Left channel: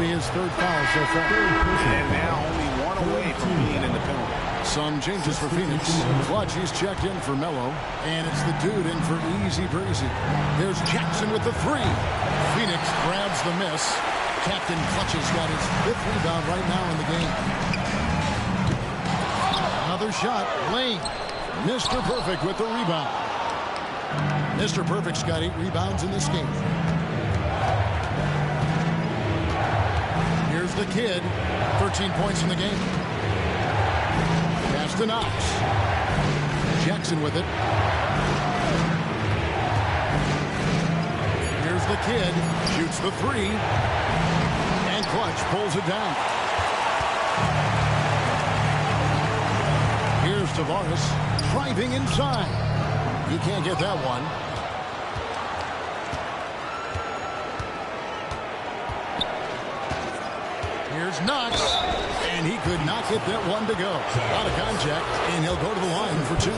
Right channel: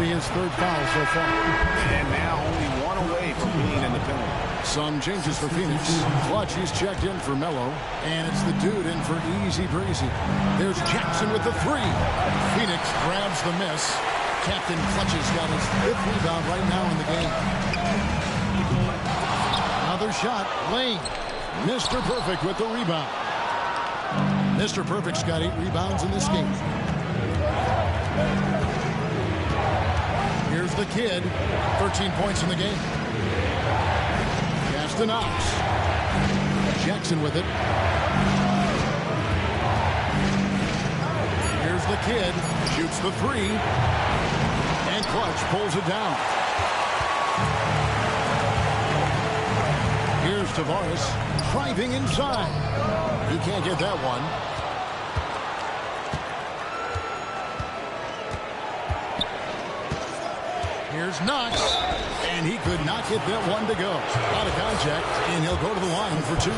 be his third foul so far. And now only one away from being in the penalty. Some changes for Phoenix. Clutch, he's checked in for Melo. And it's the dude in for easy breezy. There's Jackson with the three. Phoenix grabs the miss. Captain Clutch has got his 5th rebound right now in the game. Another shot. Lane. Mr. Perfect with the rebound. Mr. Perfect's got 8 rebounds in this game. Here's the kid. 13 points in the game. Pass to Knox. Jackson with it. Here's the kid. Shoots the three. And Clutch pulls it down. Here's Tavares driving inside. He can't get that one. Here's Knox, and he could not get that one to go. Out of contact, and he'll go to the line for 2.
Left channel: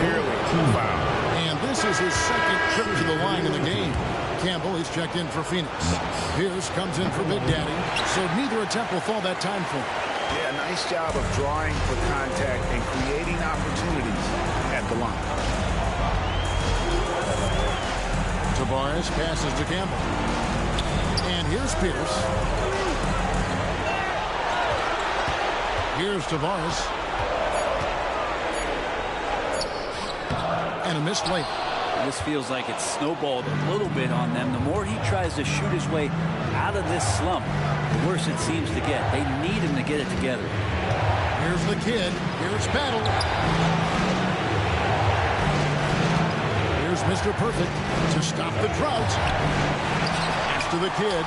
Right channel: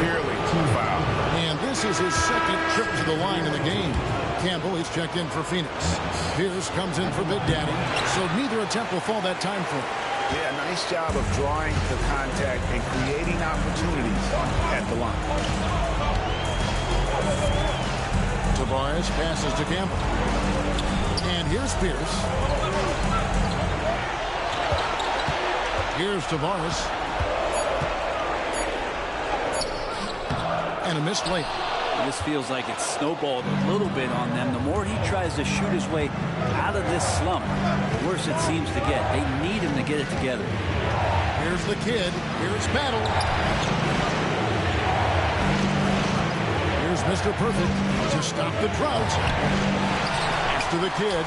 Clearly, 2 foul. And this is his 2nd trip to the line in the game. Campbell, he's checked in for Phoenix. Pierce comes in for Big Daddy, so neither attempt will fall that time for him. Yeah, nice job of drawing the contact and creating opportunities at the line. Tavares passes to Campbell. And here's Pierce. Here's Tavares. And a missed layup. This feels like it's snowballed a little bit on them. The more he tries to shoot his way out of this slump, the worse it seems to get. They need him to get it together. Here's the kid. Here's Battle. Here's Mr. Perfect to stop the drought. Pass to the kid.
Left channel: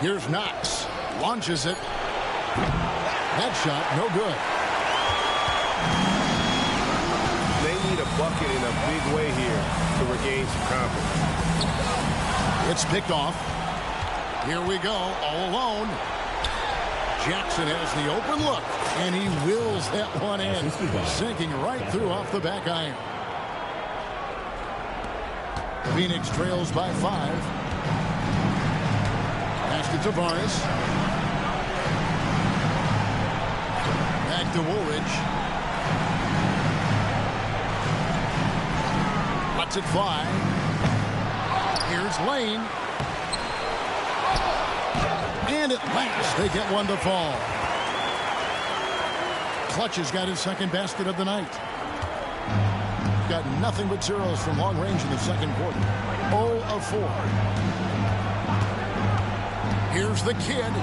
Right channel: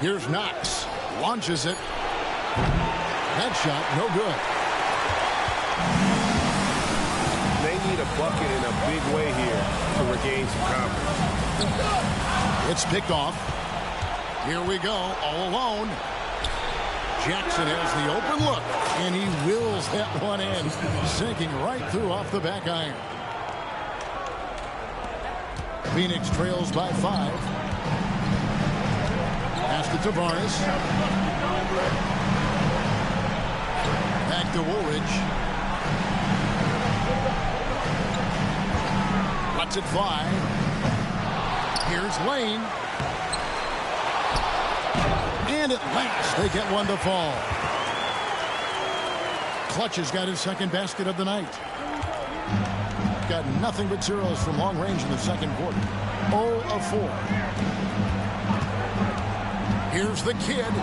Here's Knox. Launches it. That shot, no good. They need a bucket in a big way here to regain some confidence. It's picked off. Here we go, all alone. Jackson has the open look, and he wills that one in, sinking right through off the back iron. Phoenix trails by 5. Pass to Tavares. Back to Woolridge. Lets it fly. Here's Lane. And at last, they get one to fall. Clutch has got his 2nd basket of the night. Got nothing but zeros from long range in the 2nd quarter. 0 of 4. Here's the kid.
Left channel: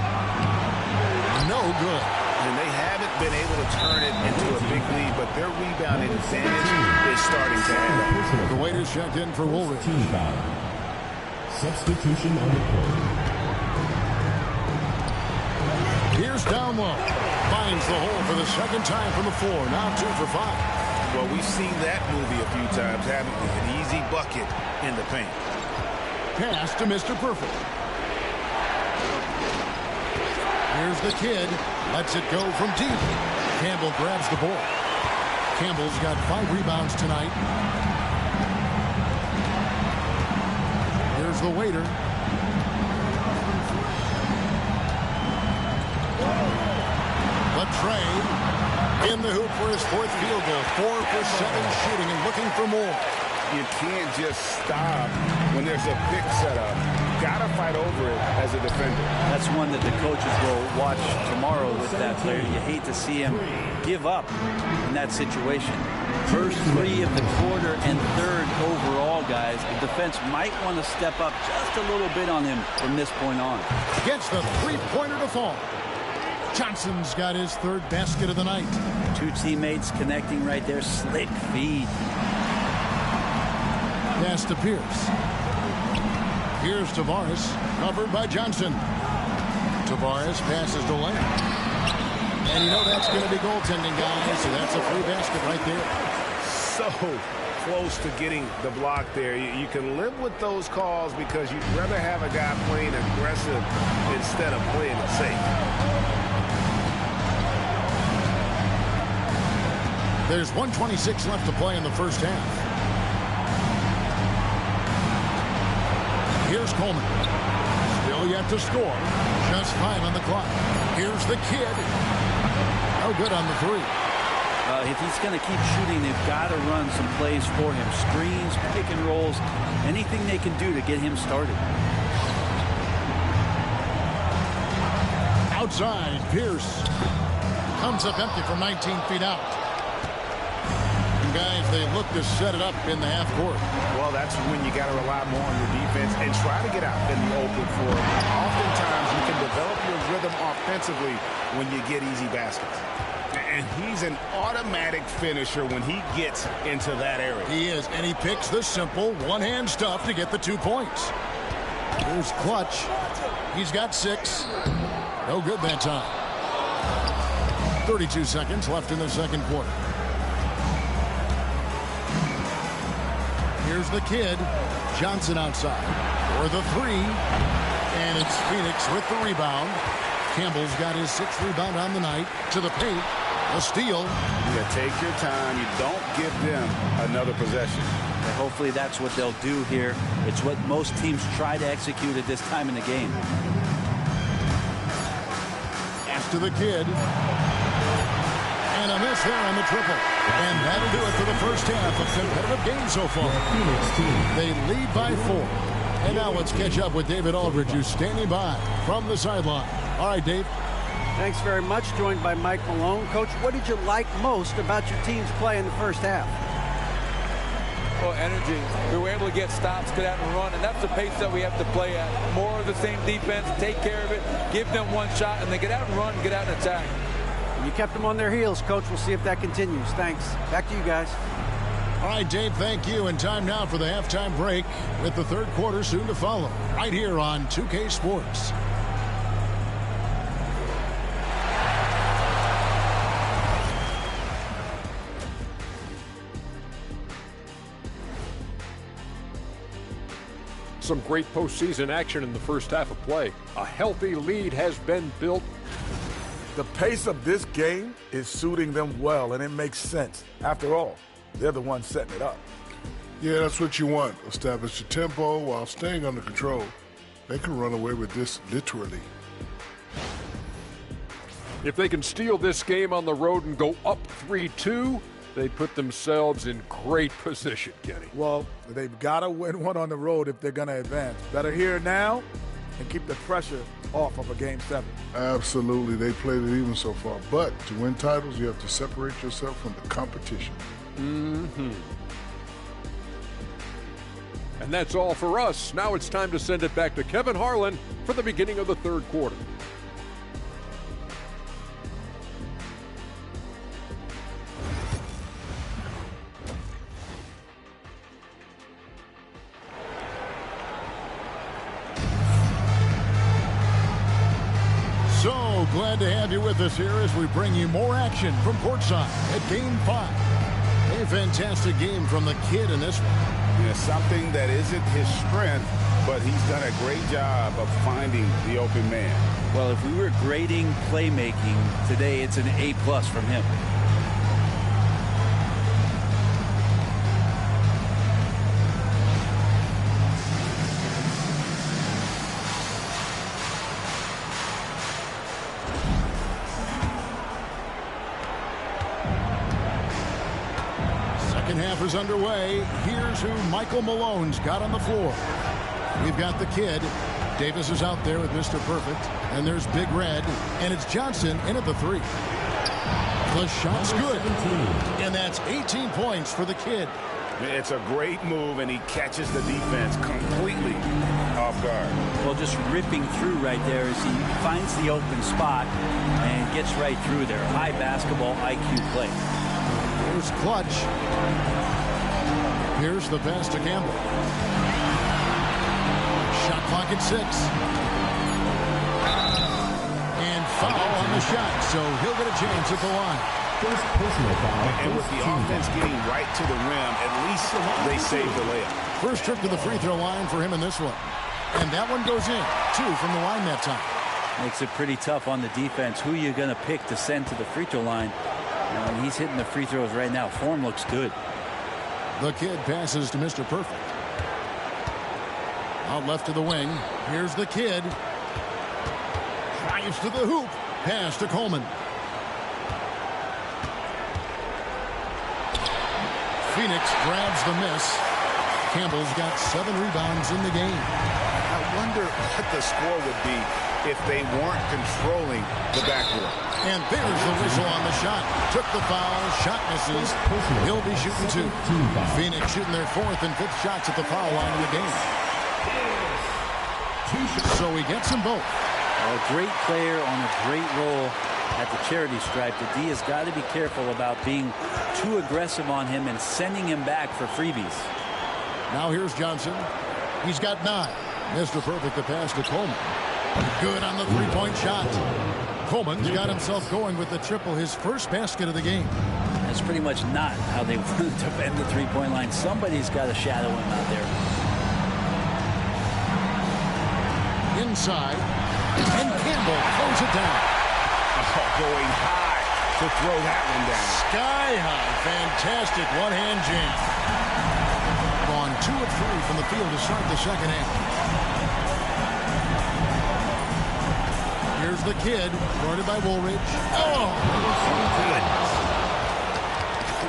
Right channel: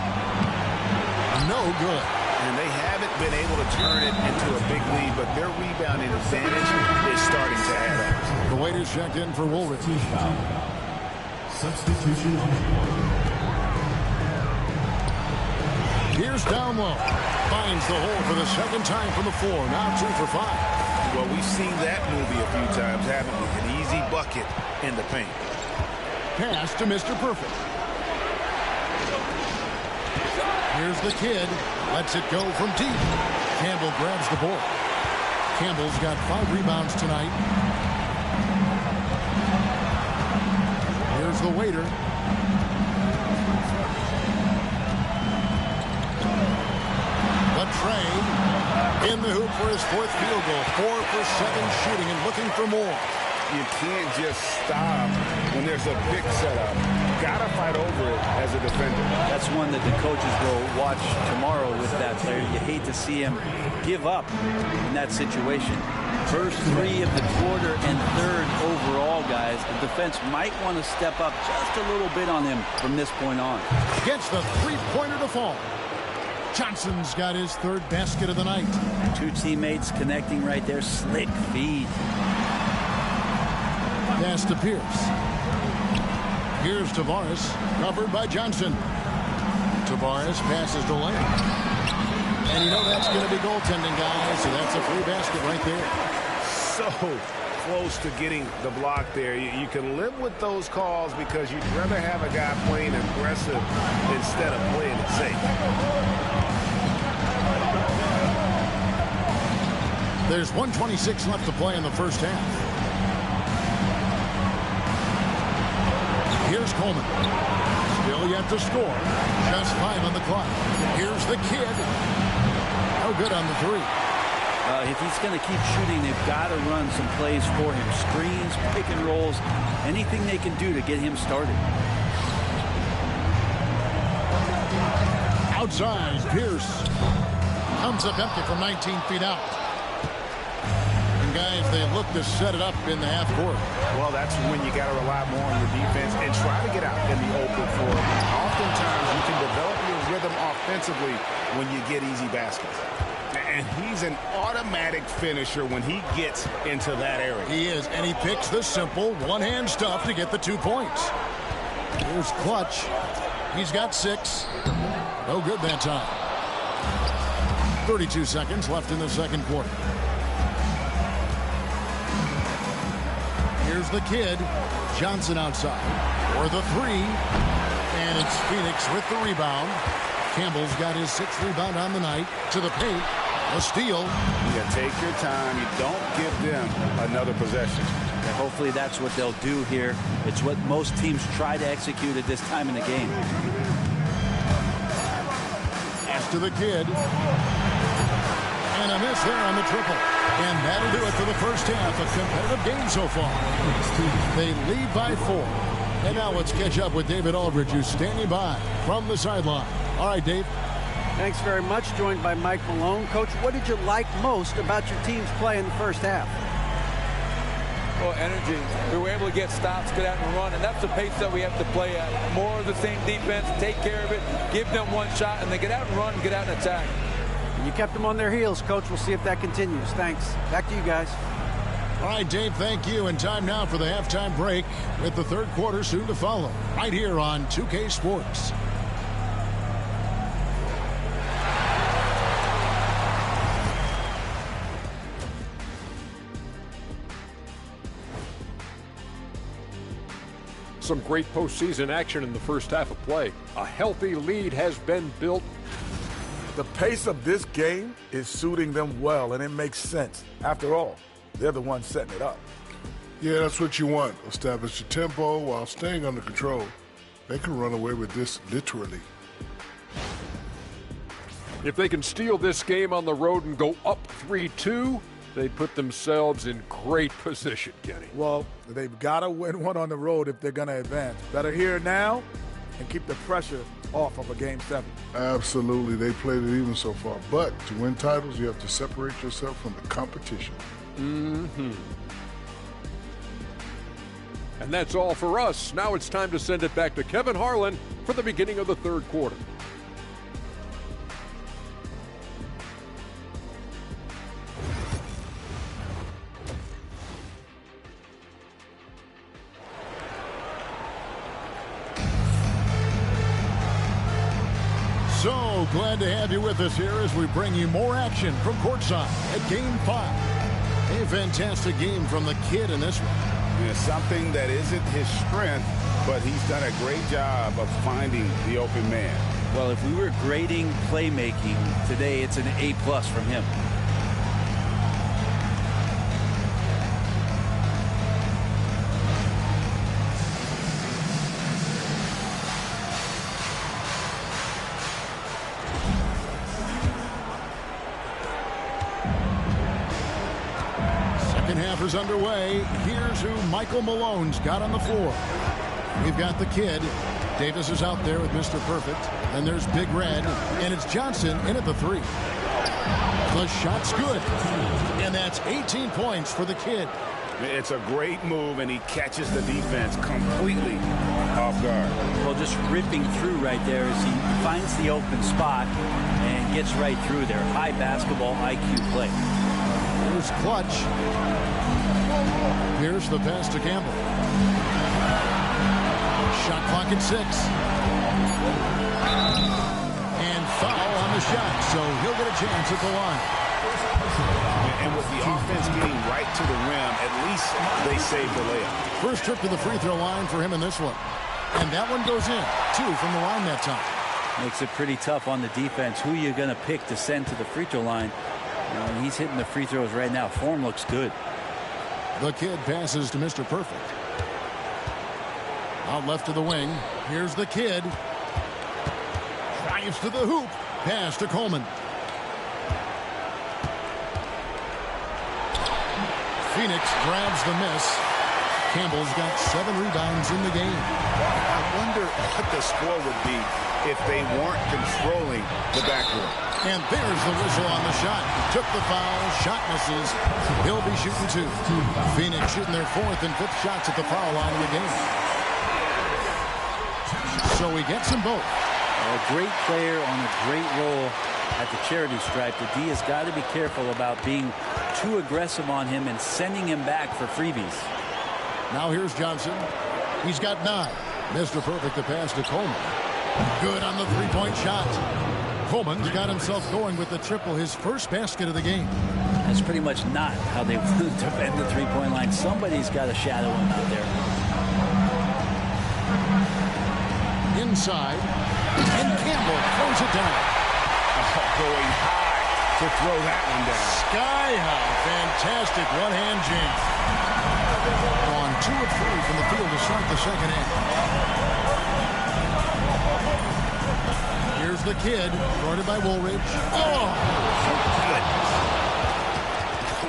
No good. And they haven't been able to turn it into a big lead, but their rebounding advantage is starting to add up. The waiters checked in for Woolridge. Substitution on the court. Here's down low. Finds the hole for the 2nd time from the floor. Now 2 for 5. Well, we've seen that movie a few times, haven't we? An easy bucket in the paint. Pass to Mr. Perfect. Here's the kid. Lets it go from deep. Campbell grabs the board. Campbell's got 5 rebounds tonight. Here's the waiter. Latrey in the hoop for his 4th field goal. 4 for 7 shooting and looking for more. You can't just stop when there's a pick set up. Gotta fight over it as a defender. That's one that the coaches will watch tomorrow with that player. You hate to see him give up in that situation. First 3 of the quarter and 3rd overall, guys. The defense might want to step up just a little bit on him from this point on. Gets the 3-pointer to fall. Johnson's got his 3rd basket of the night. 2 teammates connecting right there. Slick feed. Pass to Pierce. Here's Tavares, covered by Johnson. Tavares passes to Lane. And you know that's going to be goaltending, guys, so that's a free basket right there. So close to getting the block there. You can live with those calls because you'd rather have a guy playing aggressive instead of playing it safe. There's 1:26 left to play in the first half. Here's Coleman. Still yet to score. Just 5 on the clock. Here's the kid. No good on the 3. If he's going to keep shooting, they've got to run some plays for him. Screens, pick and rolls, anything they can do to get him started. Outside, Pierce comes up empty from 19 feet out. And guys, they look to set it up in the half court. Well, that's when you got to rely more on your defense and try to get out in the open floor. Oftentimes, you can develop your rhythm offensively when you get easy baskets. And he's an automatic finisher when he gets into that area. He is, and he picks the simple one-hand stuff to get the 2 points. Here's Clutch. He's got 6. No good that time. 32 seconds left in the second quarter. Here's the kid. Johnson outside for the 3. And it's Phoenix with the rebound. Campbell's got his 6th rebound on the night. To the paint. A steal. Yeah, take your time. You don't give them another possession. And hopefully that's what they'll do here. It's what most teams try to execute at this time in the game. Pass to the kid. And a miss there on the triple. And that'll do it for the first half of competitive game so far. They lead by 4. And now let's catch up with David Aldridge, who's standing by from the sideline. All right, Dave. Thanks very much. Joined by Mike Malone. Coach, what did you like most about your team's play in the first half? Well, energy. We were able to get stops, get out and run, and that's the pace that we have to play at. More of the same defense, take care of it, give them one shot, and then get out and run, get out and attack. And you kept them on their heels, Coach. We'll see if that continues. Thanks. Back to you guys. All right, Dave, thank you. And time now for the halftime break with the third quarter soon to follow right here on 2K Sports. Some great postseason action in the first half of play. A healthy lead has been built. The pace of this game is suiting them well, and it makes sense. After all, they're the ones setting it up. Yeah, that's what you want. Establish your tempo while staying under control. They can run away with this literally. If they can steal this game on the road and go up 3-2, they put themselves in great position, Kenny. Well, they've got to win one on the road if they're going to advance. Better here now and keep the pressure off of a Game 7. Absolutely. They played it even so far. But to win titles, you have to separate yourself from the competition. Mm-hmm. And that's all for us. Now it's time to send it back to Kevin Harlan for the beginning of the third quarter. So glad to have you with us here as we bring you more action from courtside at Game 5. A fantastic game from the kid in this one. Yeah, something that isn't his strength, but he's done a great job of finding the open man. Well, if we were grading playmaking today, it's an A+ from him. Second half is underway. Here's who Michael Malone's got on the floor. We've got the kid. Davis is out there with Mr. Perfect. And there's Big Red. And it's Johnson in at the 3. The shot's good. And that's 18 points for the kid. It's a great move, and he catches the defense completely off guard. Well, just ripping through right there as he finds the open spot and gets right through there. High basketball IQ play. Here's Clutch. Here's the pass to Campbell. Shot clock at 6. And foul on the shot, so he'll get a chance at the line. And with the offense getting right to the rim, at least they saved the layup. First trip to the free throw line for him in this one. And that one goes in. 2 from the line that time. Makes it pretty tough on the defense. Who are you going to pick to send to the free throw line? And he's hitting the free throws right now. Form looks good. The kid passes to Mr. Perfect. Out left to the wing. Here's the kid. Drives to the hoop. Pass to Coleman. Phoenix grabs the miss. Campbell's got 7 rebounds in the game. I wonder what the score would be if they weren't controlling the backboard. And there's the whistle on the shot. Took the foul. Shot misses. He'll be shooting 2. Phoenix shooting their 4th and 5th shots at the foul line in the game. So he gets them both. A great player on a great roll at the charity stripe. The D has got to be careful about being too aggressive on him and sending him back for freebies. Now here's Johnson. He's got 9. Mr. Perfect the pass to Coleman. Good on the 3-point shot. Coleman's got himself going with the triple, his first basket of the game. That's pretty much not how they want to defend the 3-point line. Somebody's got to shadow him out there. Inside, and Campbell throws it down. Oh, going high to throw that one down. Sky high. Fantastic one-hand jam. Gone 2 of 3 from the field to start the second half. Here's the kid, guarded by Woolridge. Oh, goodness.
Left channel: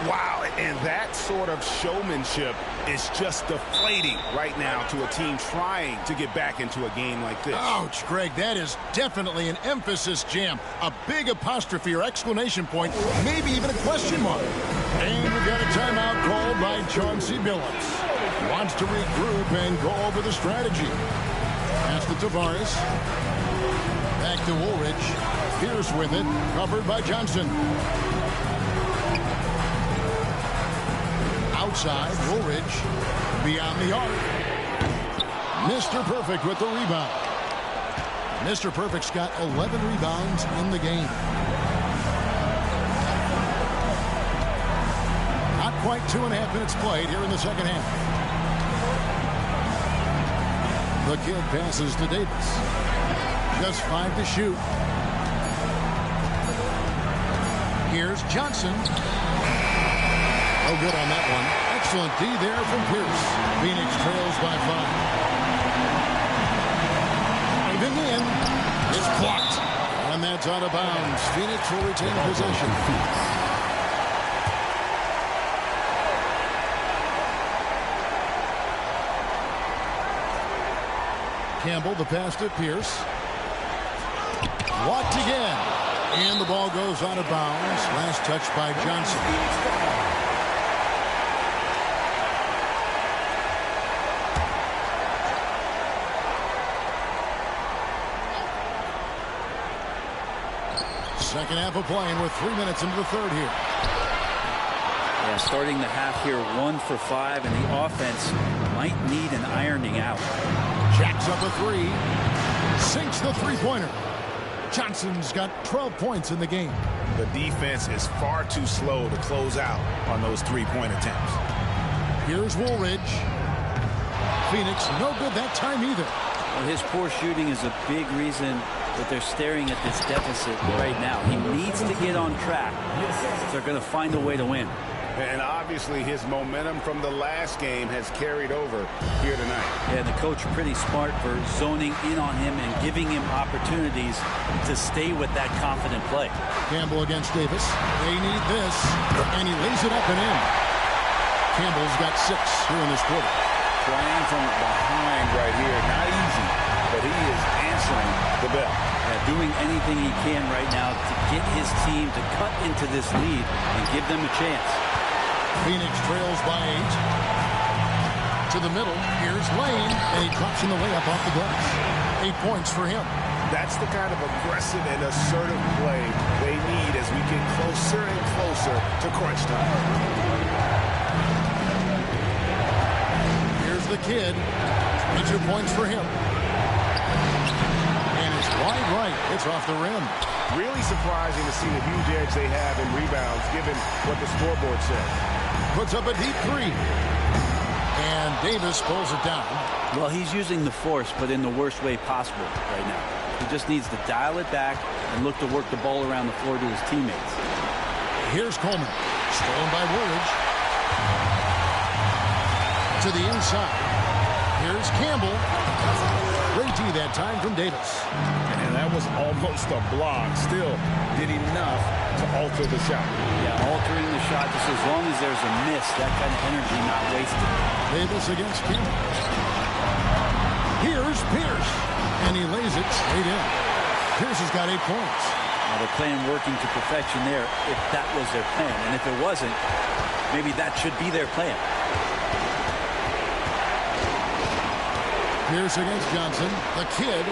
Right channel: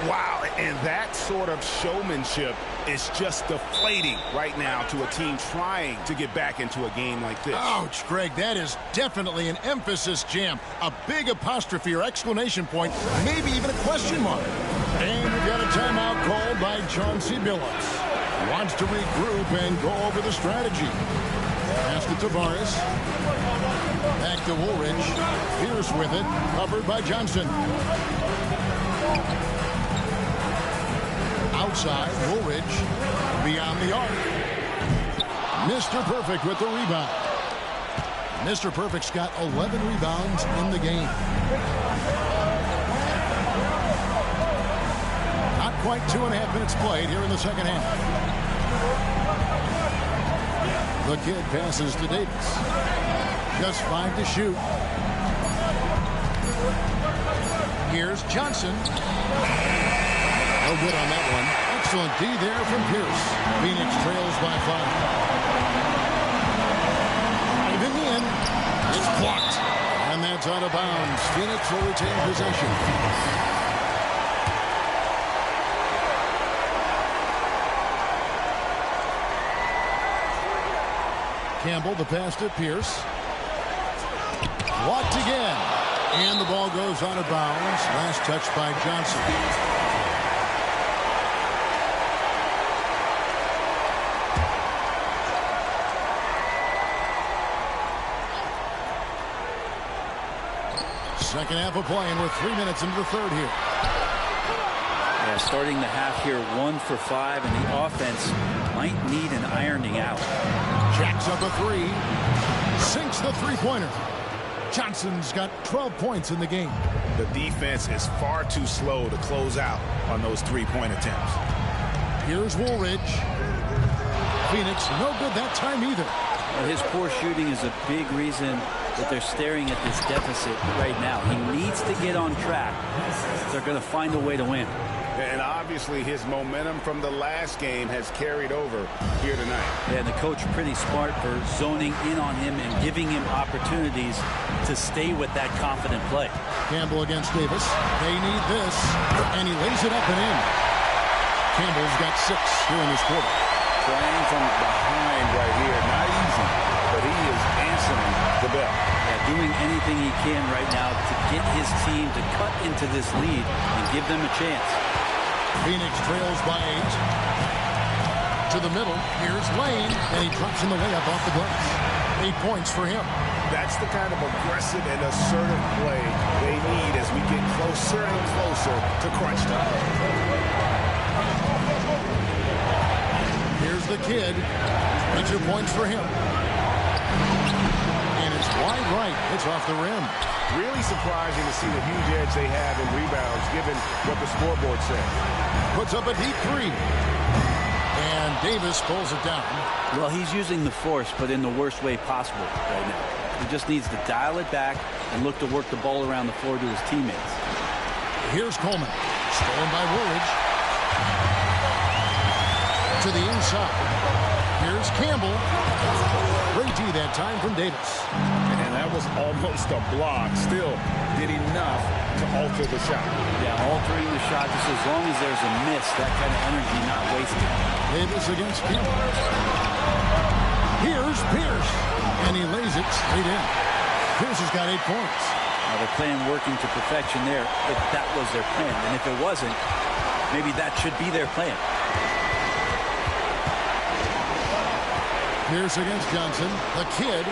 Wow, and that sort of showmanship is just deflating right now to a team trying to get back into a game like this. Ouch, Greg, that is definitely an emphasis jam. A big apostrophe or exclamation point, maybe even a question mark. And we've got a timeout called by Chauncey Billups. Wants to regroup and go over the strategy. Pass to Tavares. Back to Woolridge. Pierce with it. Covered by Johnson. Outside, Woolridge. Beyond the arc. Mr. Perfect with the rebound. Mr. Perfect's got 11 rebounds in the game. Not quite 2.5 minutes played here in the second half. The kid passes to Davis. Just 5 to shoot. Here's Johnson. No good on that one. Excellent D there from Pierce. Phoenix trails by 5. Driving in. It's blocked. And that's out of bounds. Phoenix will retain possession. Campbell, the pass to Pierce. Walked again. And the ball goes out of bounds. Last touch by Johnson. Second half of play, and we're 3 minutes into the third here. Yeah, starting the half here 1 for 5, and the offense might need an ironing out. Jacks up a 3. Sinks the 3-pointer. Johnson's got 12 points in the game. The defense is far too slow to close out on those 3-point attempts. Here's Woolridge. Phoenix no good that time either. Well, his poor shooting is a big reason that they're staring at this deficit right now. He needs to get on track if they're going to find a way to win. And obviously his momentum from the last game has carried over here tonight. Yeah, the coach pretty smart for zoning in on him and giving him opportunities to stay with that confident play. Campbell against Davis. They need this, and he lays it up and in. Campbell's got 6 here in this quarter. Playing from behind right here, not easy, but he is answering the bell. Yeah, doing anything he can right now to get his team to cut into this lead and give them a chance. Phoenix trails by 8. To the middle. Here's Lane, and he drops in the layup off the glass. 8 points for him. That's the kind of aggressive and assertive play they need as we get closer and closer to crunch time. Here's the kid. 22 points for him. And it's wide right. It's off the rim. Really surprising to see the huge edge they have in rebounds given what the scoreboard says. Puts up a deep 3. And Davis pulls it down. Well, he's using the force, but in the worst way possible right now. He just needs to dial it back and look to work the ball around the floor to his teammates. Here's Coleman. Stolen by Woolridge. To the inside. Here's Campbell. Great D that time from Davis. And that was almost a block. Still did enough to alter the shot. Yeah, altering the shot just as long as there's a miss. That kind of energy not wasted. Davis against Campbell. Here's Pierce. And he lays it straight in. Pierce has got 8 points. Now their plan working to perfection there if that was their plan. And if it wasn't, maybe that should be their plan. Pierce against Johnson. The kid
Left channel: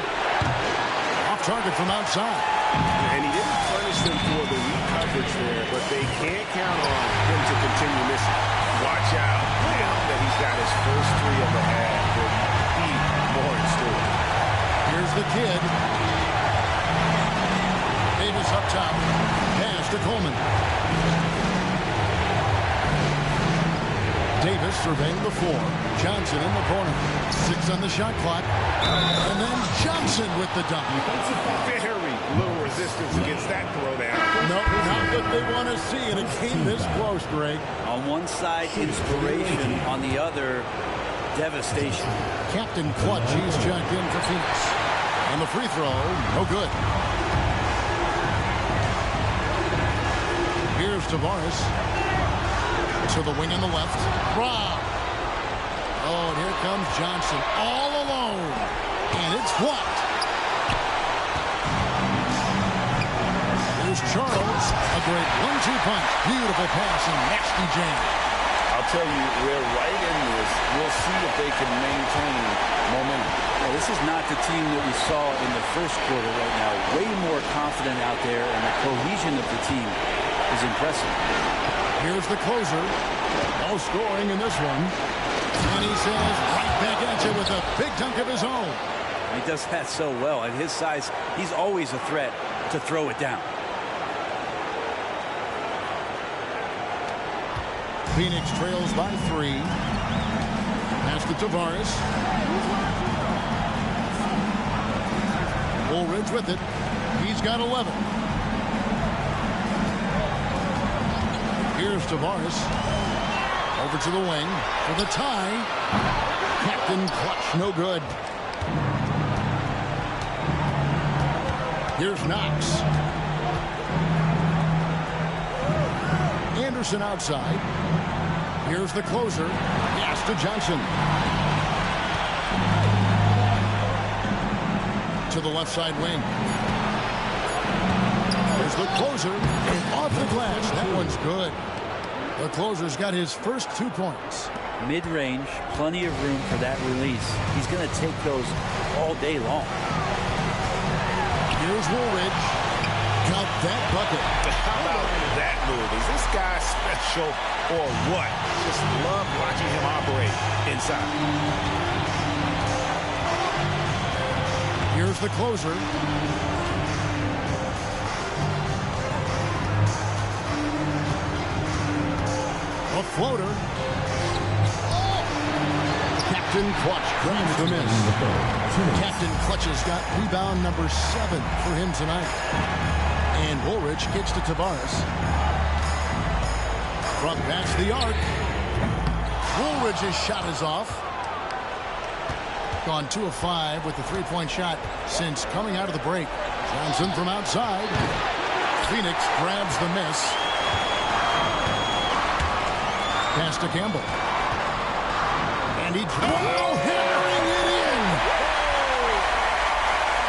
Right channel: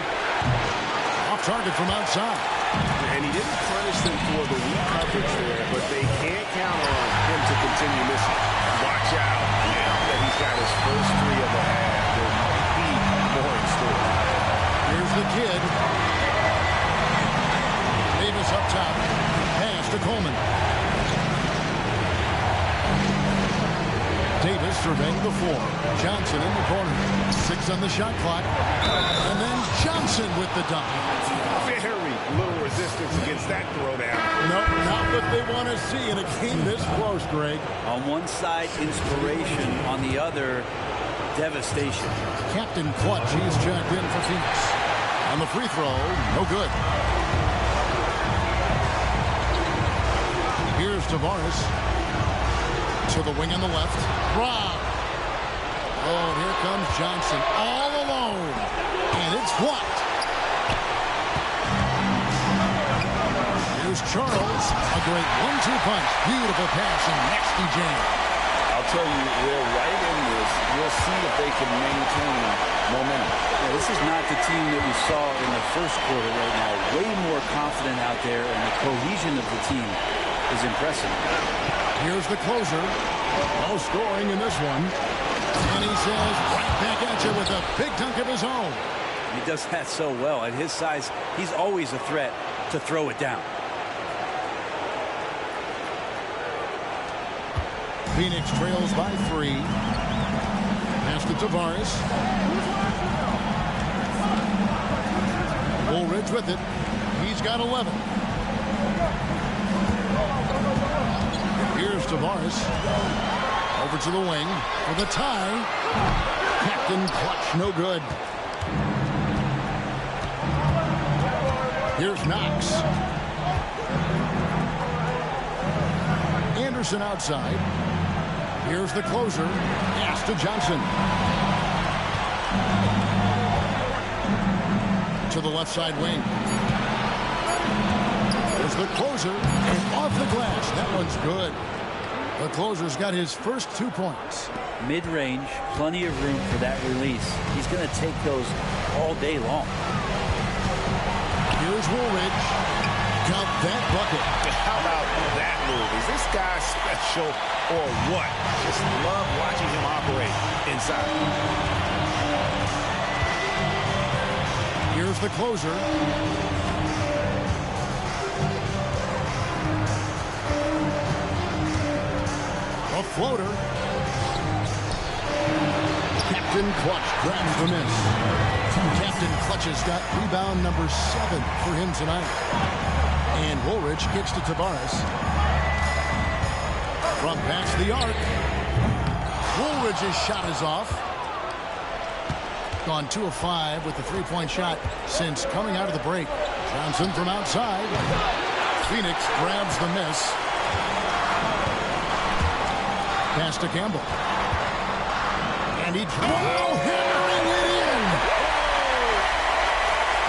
off target from outside. And he didn't punish them for the weak coverage there, but they can't count on him to continue missing. Watch out now that he's got his first 3 of the half. There might be more in store. Here's the kid. Davis up top. Pass to Coleman. Davis surveying the floor. Johnson in the corner. 6 on the shot clock. And then Johnson with the dunk. Very little resistance against that throwdown. Nope, not what they want to see in a game this close, Greg. On one side, inspiration. On the other, devastation. Captain Clutch, he's checked in for Phoenix. On the free throw, no good. Here's Tavares. To the wing on the left. Rob. Oh, and here comes Johnson all alone. And it's blocked. Here's Charles. A great 1-2 punch. Beautiful pass and nasty jam. I'll tell you, they're right in this. We'll see if they can maintain momentum. Well, this is not the team that we saw in the first quarter right now. Way more confident out there, and the cohesion of the team is impressive. Here's the closer. No scoring in this one. And he says right back at you with a big dunk of his own. He does that so well. At his size, he's always a threat to throw it down. Phoenix trails by 3. Pass to Tavares. Woolridge with it. He's got 11. Here's Tavares. Over to the wing for the tie. Captain Clutch, no good. Here's Knox. Anderson outside. Here's the closer. Pass to Johnson. To the left side wing. There's the closer. And off the glass. That one's good. The closer's got his first 2 points. Mid-range, plenty of room for that release. He's going to take those all day long. Here's Woolridge. Count that bucket. How about that move? Is this guy special or what? Just love watching him operate inside. Here's the closer. A floater. Captain Clutch grabs the miss. Captain Clutch has got rebound number 7 for him tonight. And Woolridge kicks to Tavares. From past the arc. Woolridge's shot is off. Gone 2 of 5 with the 3-point shot since coming out of the break. Johnson from outside. Phoenix grabs the miss. Pass to Campbell. And he hammering it in.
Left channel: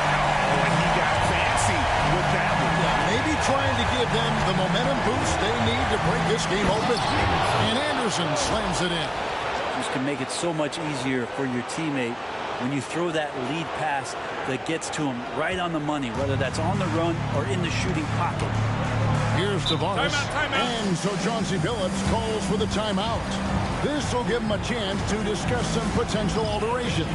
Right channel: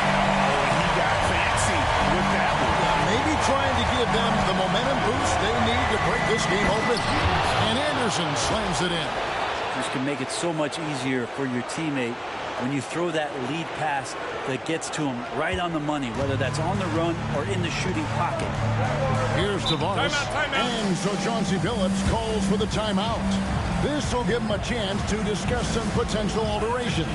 Oh, and he got fancy with that one. Yeah, maybe trying to give them the momentum boost they need to break this game open. And Anderson slams it in. This can make it so much easier for your teammate when you throw that lead pass that gets to him right on the money, whether that's on the run or in the shooting pocket. Here's Tavares. Timeout. And so Chauncey Billups calls for the timeout. This will give him a chance to discuss some potential alterations.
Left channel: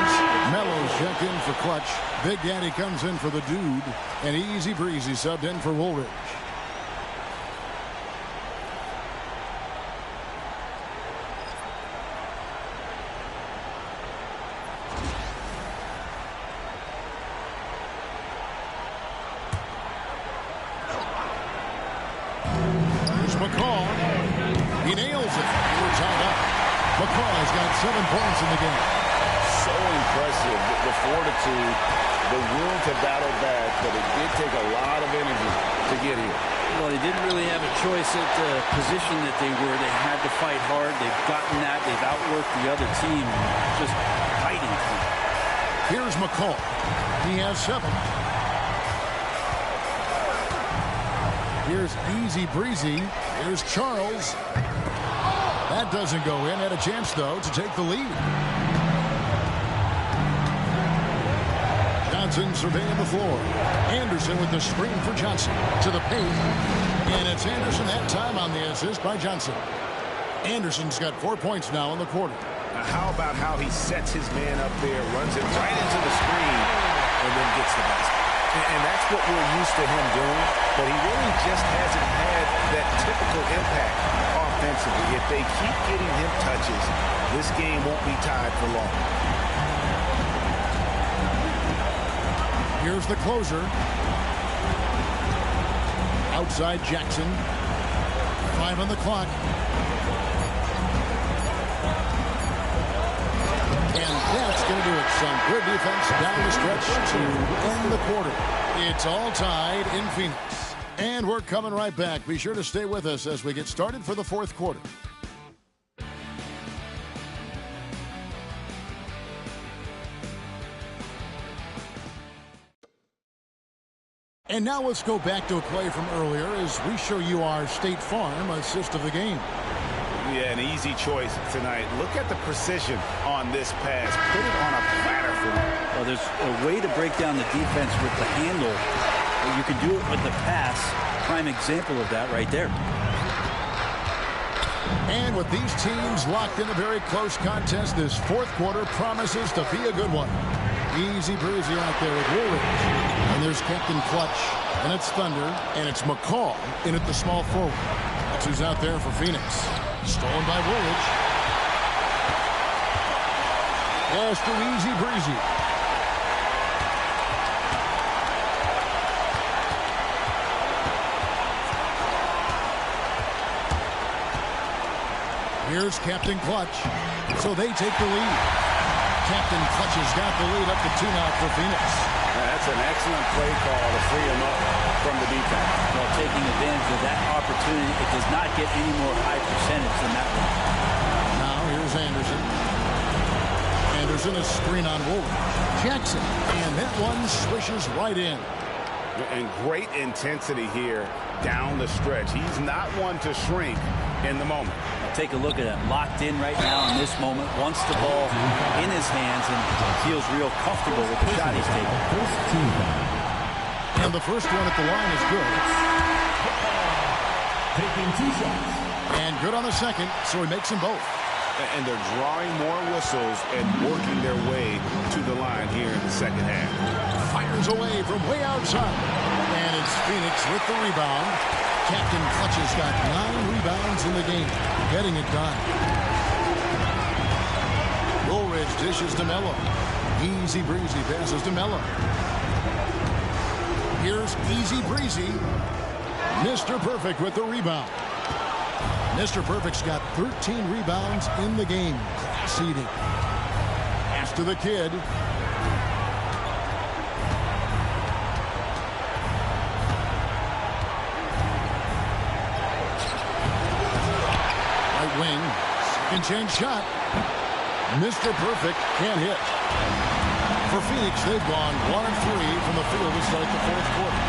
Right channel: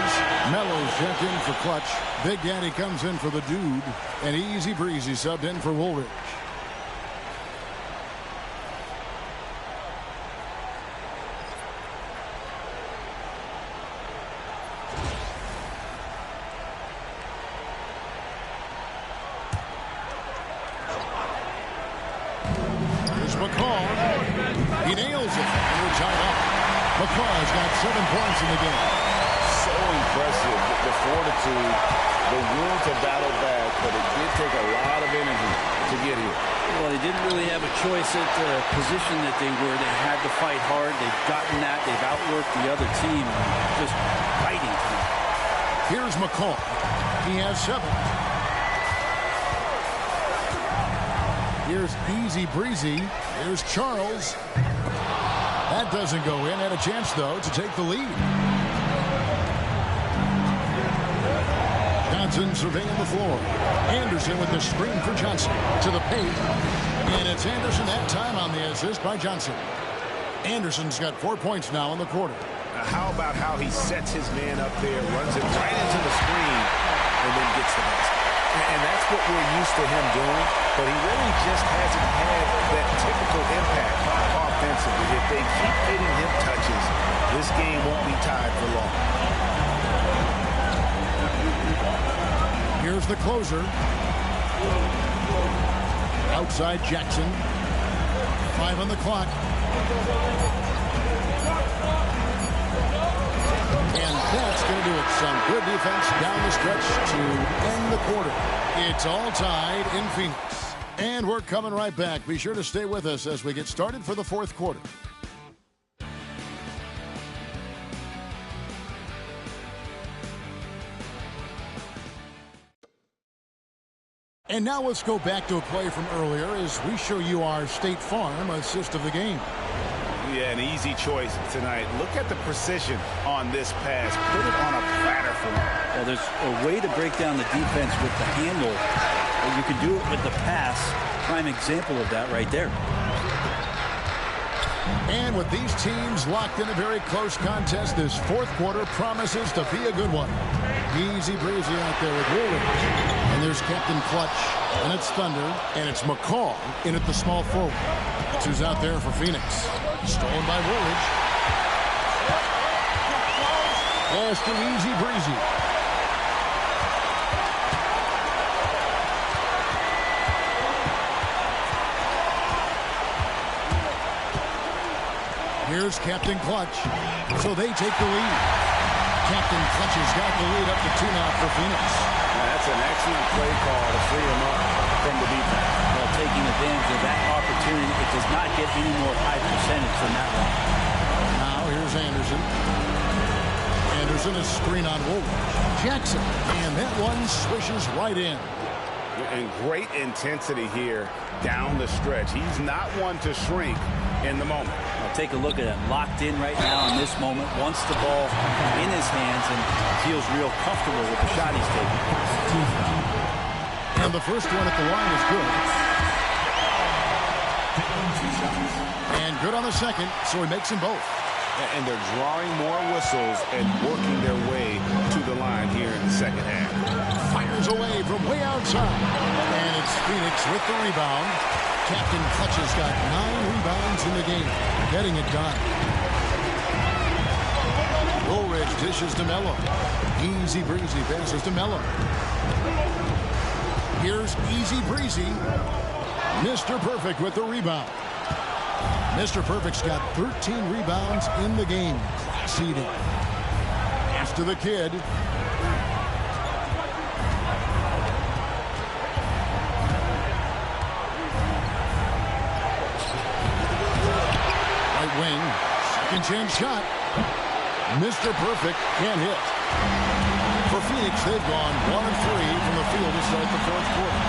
changes. Melo's checked in for Clutch. Big Daddy comes in for the Dude. And Easy Breezy subbed in for Woolridge. McCall. He nails it. And we're tied up. McCall has got 7 points in the game. So impressive. The fortitude, the will to battle back, but it did take a lot of energy to get here. Well, they didn't really have a choice at the position that they were. They had to fight hard. They've gotten that. They've outworked the other team. Just fighting through. Here's McCall. He has 7. Here's Easy Breezy. Here's Charles. That doesn't go in. Had a chance, though, to take the lead. Johnson surveying the floor. Anderson with the screen for Johnson. To the paint. And it's Anderson that time on the assist by Johnson. Anderson's got 4 points now in the quarter. Now, how about how he sets his man up there, runs it right into the screen, and then gets the basket. And that's what we're used to him doing, but he really just hasn't had that typical impact offensively. If they keep getting him touches, this game won't be tied for long. Here's the closer. Outside Jackson. 5 on the clock. And that's going to do it. Some good defense down the stretch to end the quarter. It's all tied in Phoenix. And we're coming right back. Be sure to stay with us as we get started for the 4th quarter. And now let's go back to a play from earlier as we show you our State Farm assist of the game. Yeah, an easy choice tonight. Look at the precision on this pass. Put it on a platter for him. Well, there's a way to break down the defense with the handle. Or you can do it with the pass. Prime example of that right there. And with these teams locked in a very close contest, this 4th quarter promises to be a good one. Easy Breezy out there with Woolridge. And there's Captain Clutch. And it's Thunder. And it's McCall in at the small forward. That's who's out there for Phoenix. Stolen by Woolridge. Pass to Easy Breezy. Here's Captain Clutch. So they take the lead. Captain Clutch has got the lead up to 2 now for Phoenix. That's an excellent play call to free him up from the defense. Well, taking advantage of that opportunity, it does not get any more high percentage than that one. Now here's Anderson. Anderson is screen on Woolridge. Jackson. And that one swishes right in. And great intensity here down the stretch. He's not one to shrink in the moment. Now take a look at him. Locked in right now in this moment. Wants the ball in his hands and feels real comfortable with the shot he's taking. And the first one at the line is good. And good on the second, so he makes them both. And they're drawing more whistles and working their way to the line here in the second half. Fires away from way outside. And it's Phoenix with the rebound. Captain Clutch has got 9 rebounds in the game. Getting it done. Woolridge dishes to Melo. Easy Breezy passes to Melo. Here's Easy Breezy. Mr. Perfect with the rebound. Mr. Perfect's got 13 rebounds in the game. Class eating. Pass to the kid. Right wing. Second chance shot. Mr. Perfect can't hit. For Phoenix, they've gone 1 of 3 from the field to start the 4th quarter.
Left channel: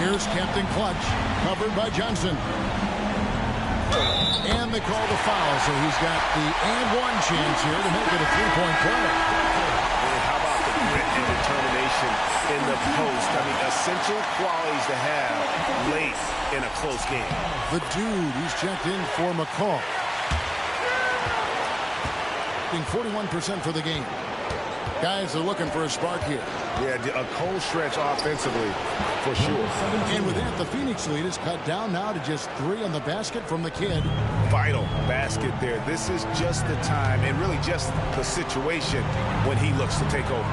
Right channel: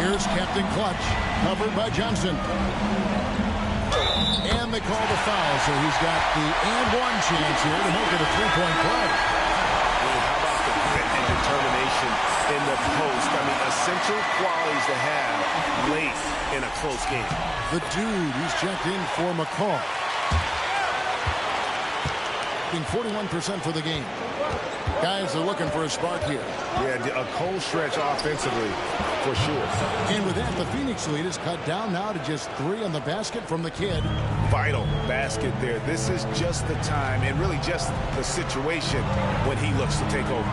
Here's Captain Clutch, covered by Johnson. And they call the foul, so he's got the and one chance here to make it a 3-point play. And how about the grit and determination in the post? I mean, essential qualities to have late in a close game. The Dude, he's checked in for McCall. shooting 41% for the game. Guys are looking for a spark here. Yeah, a cold stretch offensively for sure. And with that, the Phoenix lead is cut down now to just 3 on the basket from the kid. Vital basket there. This is just the time and really just the situation when he looks to take over.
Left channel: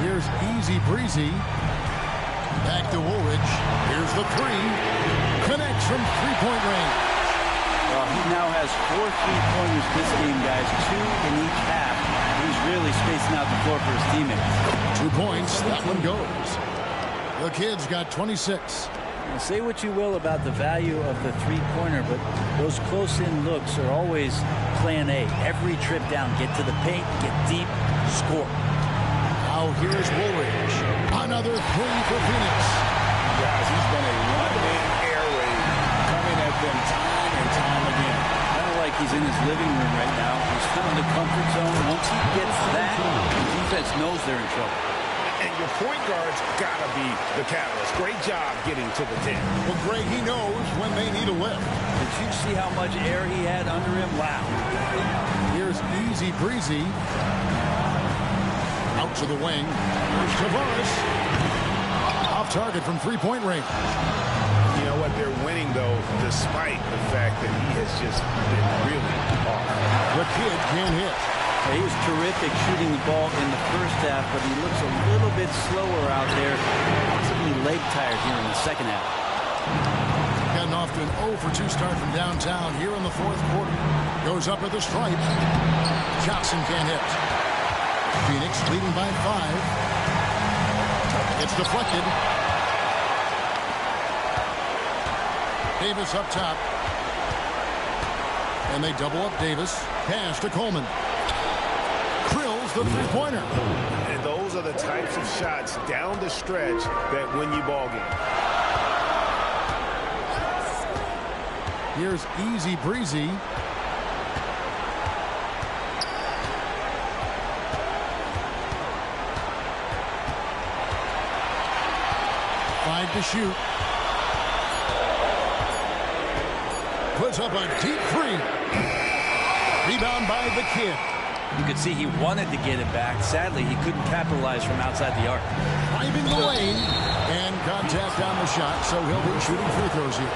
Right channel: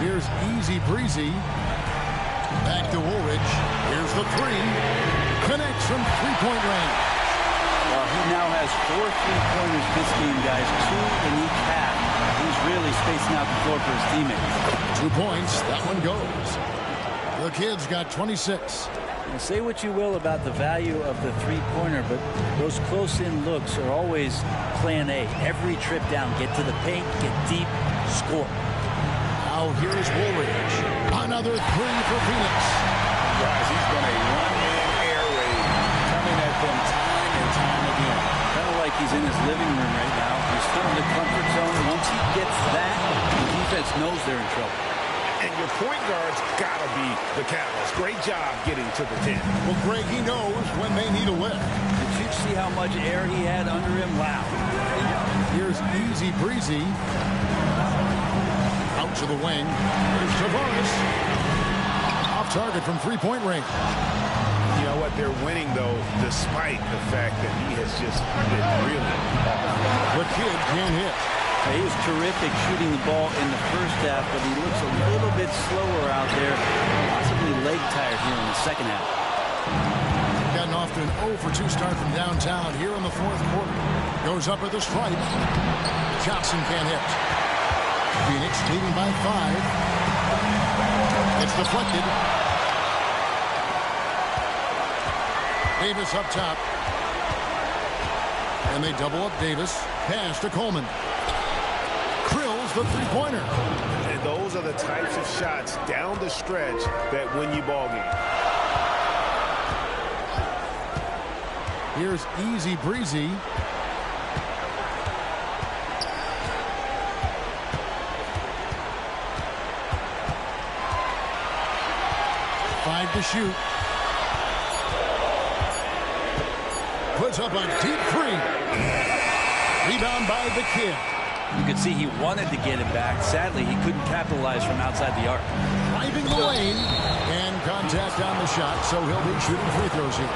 Here's Easy Breezy. Back to Woolridge. Here's the 3. Connects from three-point range. Well, he now has 4 3-pointers this game, guys. 2 in each half. He's really spacing out the floor for his teammates. 2 points. That one goes. The kid's got 26. Now, say what you will about the value of the three-pointer, but those close-in looks are always plan A. Every trip down, get to the paint, get deep, score. Now here's Woolridge. Another 3 for Phoenix. Guys, he's been a one-man air raid coming at them time and time again. Kind of like he's in his living room right now. He's found the comfort zone. Once he gets that, the defense knows they're in trouble. And your point guard's got to be the catalyst. Great job getting to the 10. Well, Greg, he knows when they need a lift. Did you see how much air he had under him? Wow. Here's Easy Breezy. Out to the wing. Here's Tavares. Off target from three-point range. You know what? They're winning, though, despite the fact that he has just been really off. The kid can't hit. He was terrific shooting the ball in the first half, but he looks a little bit slower out there, possibly leg tired here in the second half. Gotten off to an 0 for 2 start from downtown here in the fourth quarter. Goes up at the stripe. Johnson can't hit. Phoenix leading by 5. It's deflected. Davis up top. And they double up Davis. Pass to Coleman. Krills the three-pointer. And those are the types of shots down the stretch that win you ball games. Here's Easy Breezy. Five to shoot. Puts up a deep 3. Rebound by the kid. You could see he wanted to get it back. Sadly, he couldn't capitalize from outside the arc. Driving the lane. And contact on the shot, so he'll be shooting free throws here.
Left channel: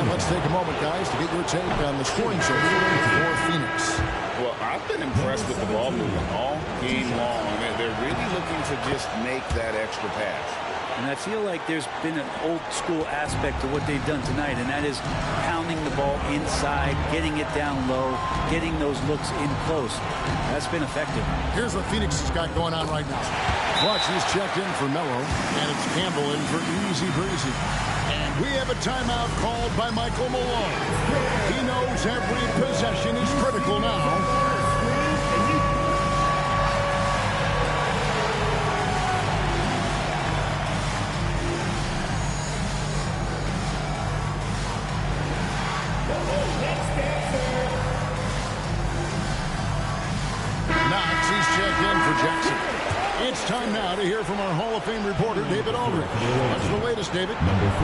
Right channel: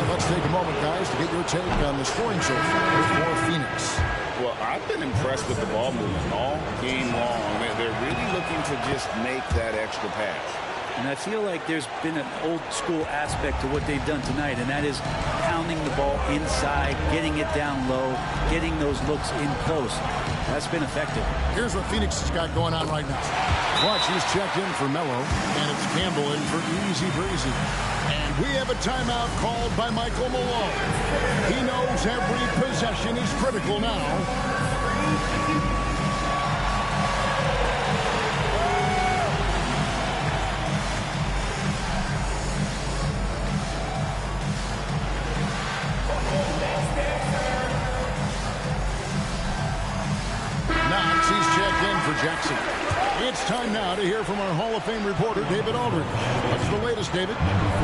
And let's take a moment, guys, to get your take on the scoring so far for Phoenix. Well, I've been impressed with the ball movement all game long. They're really looking to just make that extra pass. And I feel like there's been an old school aspect to what they've done tonight, and that is pounding the ball inside, getting it down low, getting those looks in close. That's been effective. Here's what Phoenix has got going on right now. Watch, he's checked in for Melo, and it's Campbell in for Easy Breezy. And we have a timeout called by Michael Malone. He knows every possession is critical now. Knox, he's checked in for Jackson. It's time now to hear from our Hall of Fame reporter, David Aldridge. What's the latest, David?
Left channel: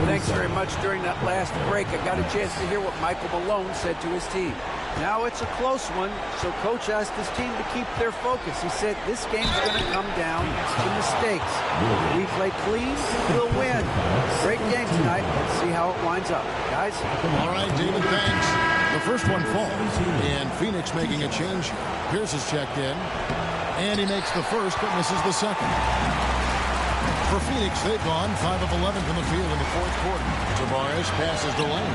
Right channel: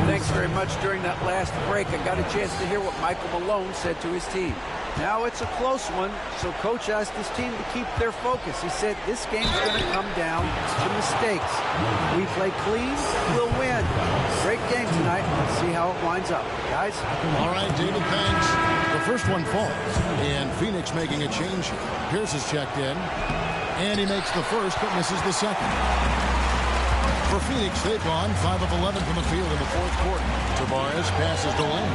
Thanks very much. During that last break, I got a chance to hear what Michael Malone said to his team. Now it's a close one, so Coach asked his team to keep their focus. He said this game's going to come down to mistakes. If we play clean, we'll win. Great game tonight. Let's see how it winds up. Guys? All right, David, thanks. The first one falls, and Phoenix making a change here. Pierce is checked in, and he makes the first but misses the second. For Phoenix, they've gone 5 of 11 from the field in the fourth quarter. Tavares passes to Lane.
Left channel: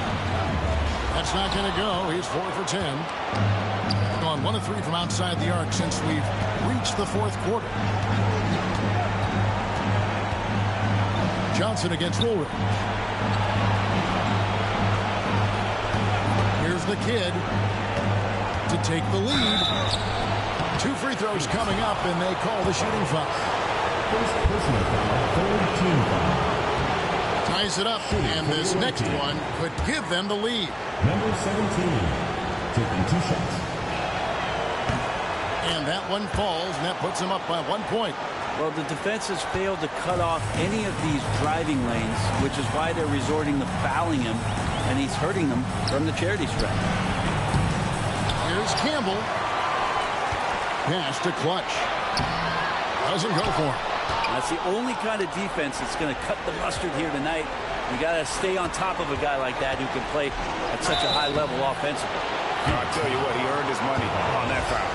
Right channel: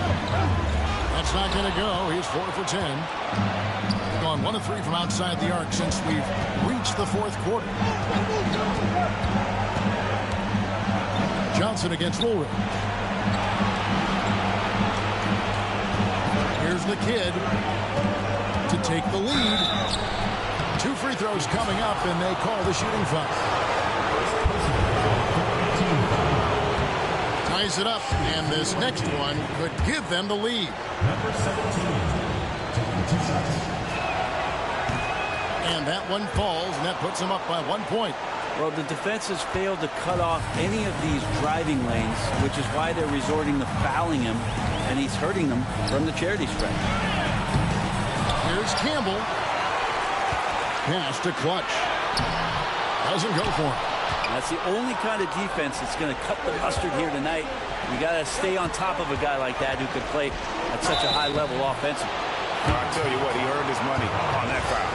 That's not going to go. He's 4 for 10. They've gone 1 of 3 from outside the arc since we've reached the fourth quarter. Johnson against Woolridge. Here's the kid to take the lead. 2 free throws coming up, and they call the shooting foul. Ties it up, and this next one could give them the lead. Number 17, taking 2 shots. And that one falls, and that puts them up by 1 point. Well, the defense has failed to cut off any of these driving lanes, which is why they're resorting to fouling him, and he's hurting them from the charity stripe. Here's Here's Campbell. Pass to Clutch. Doesn't go for him. That's the only kind of defense that's going to cut the mustard here tonight. You got to stay on top of a guy like that who can play at such a high level offensively. I'll tell you what, he earned his money on that foul.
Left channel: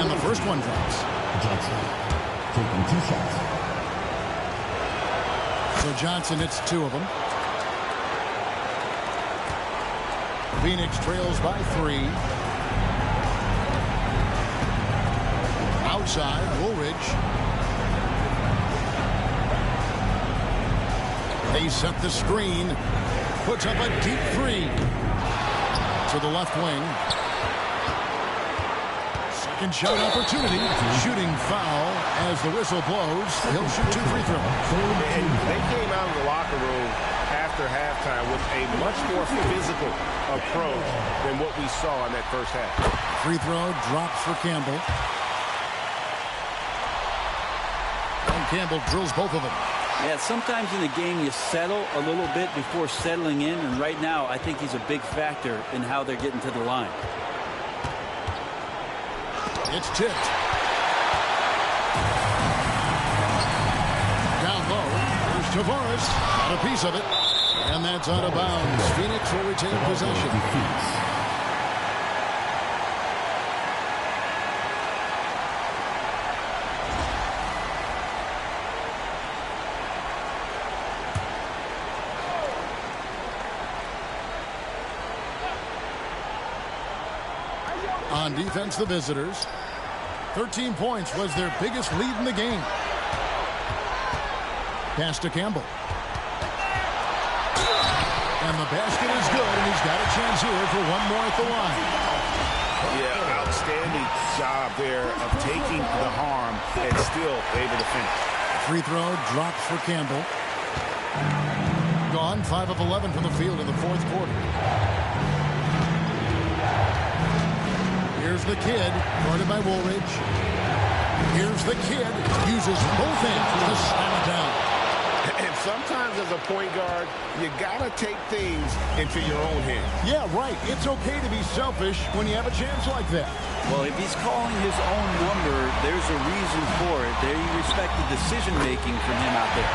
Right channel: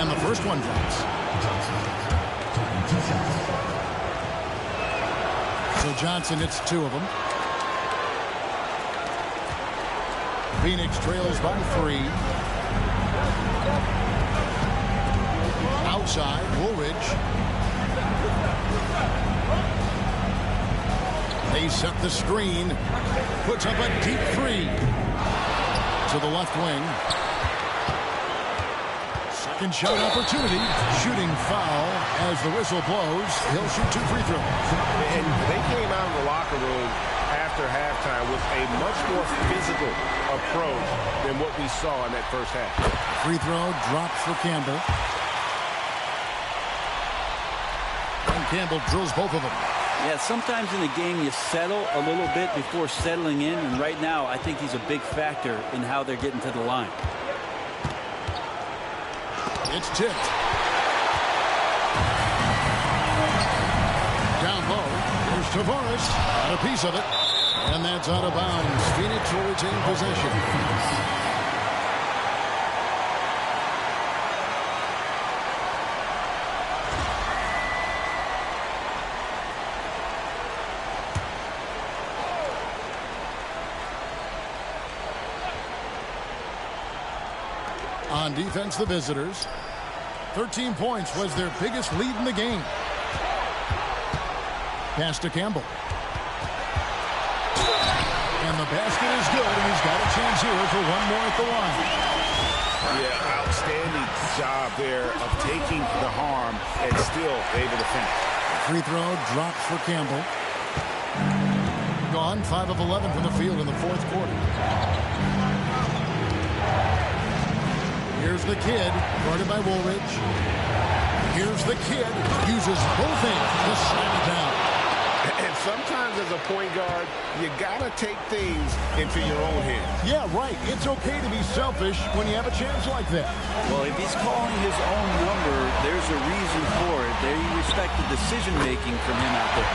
And the first one drops. Johnson taking 2 shots. So Johnson hits 2 of them. Phoenix trails by 3. Outside, Woolridge. They set the screen. Puts up a deep 3. To the left wing. Second shot opportunity. Shooting foul as the whistle blows. He'll shoot 2 free throws. And they came out of the locker room after halftime with a much more physical approach than what we saw in that first half. Free throw drops for Campbell. And Campbell drills both of them. Yeah, sometimes in the game you settle a little bit before settling in, and right now I think he's a big factor in how they're getting to the line. It's tipped. Down low. Here's Tavares. Got a piece of it. And that's out of bounds. Phoenix will retain possession. On defense, the visitors. 13 points was their biggest lead in the game. Pass to Campbell. And the basket is good, and he's got a chance here for one more at the line. Yeah, outstanding job there of taking the harm and still able to finish. Free throw drops for Campbell. Gone 5 of 11 from the field in the fourth quarter. Here's the kid, guarded by Woolridge. Here's the kid, uses both hands to slam it down. And sometimes as a point guard, you got to take things into your own hands. Yeah, right. It's okay to be selfish when you have a chance like that. Well, if he's calling his own number, there's a reason for it. There you respect the decision-making from him out there.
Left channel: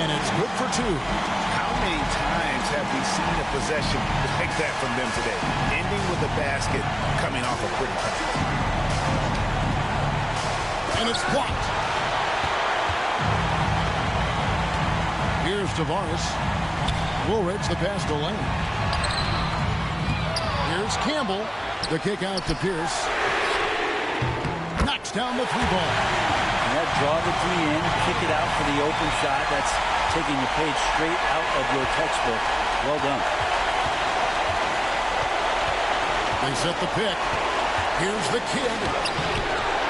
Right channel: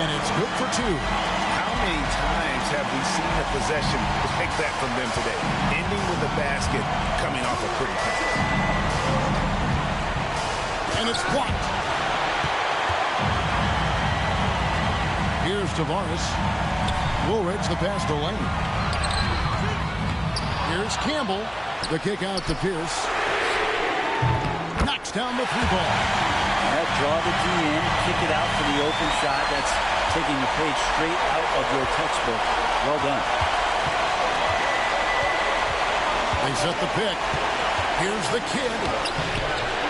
And it's good for 2. How many times have we seen a possession like that from them today? Ending with a basket, coming off a pretty pass. And it's blocked. Here's Tavares. Woolridge, the pass to Lane. Here's Campbell. The kick out to Pierce. Knocks down the 3 ball. Yeah, draw the D in, kick it out for the open shot. That's taking the page straight out of your textbook. Well done. They set the pick. Here's the kid.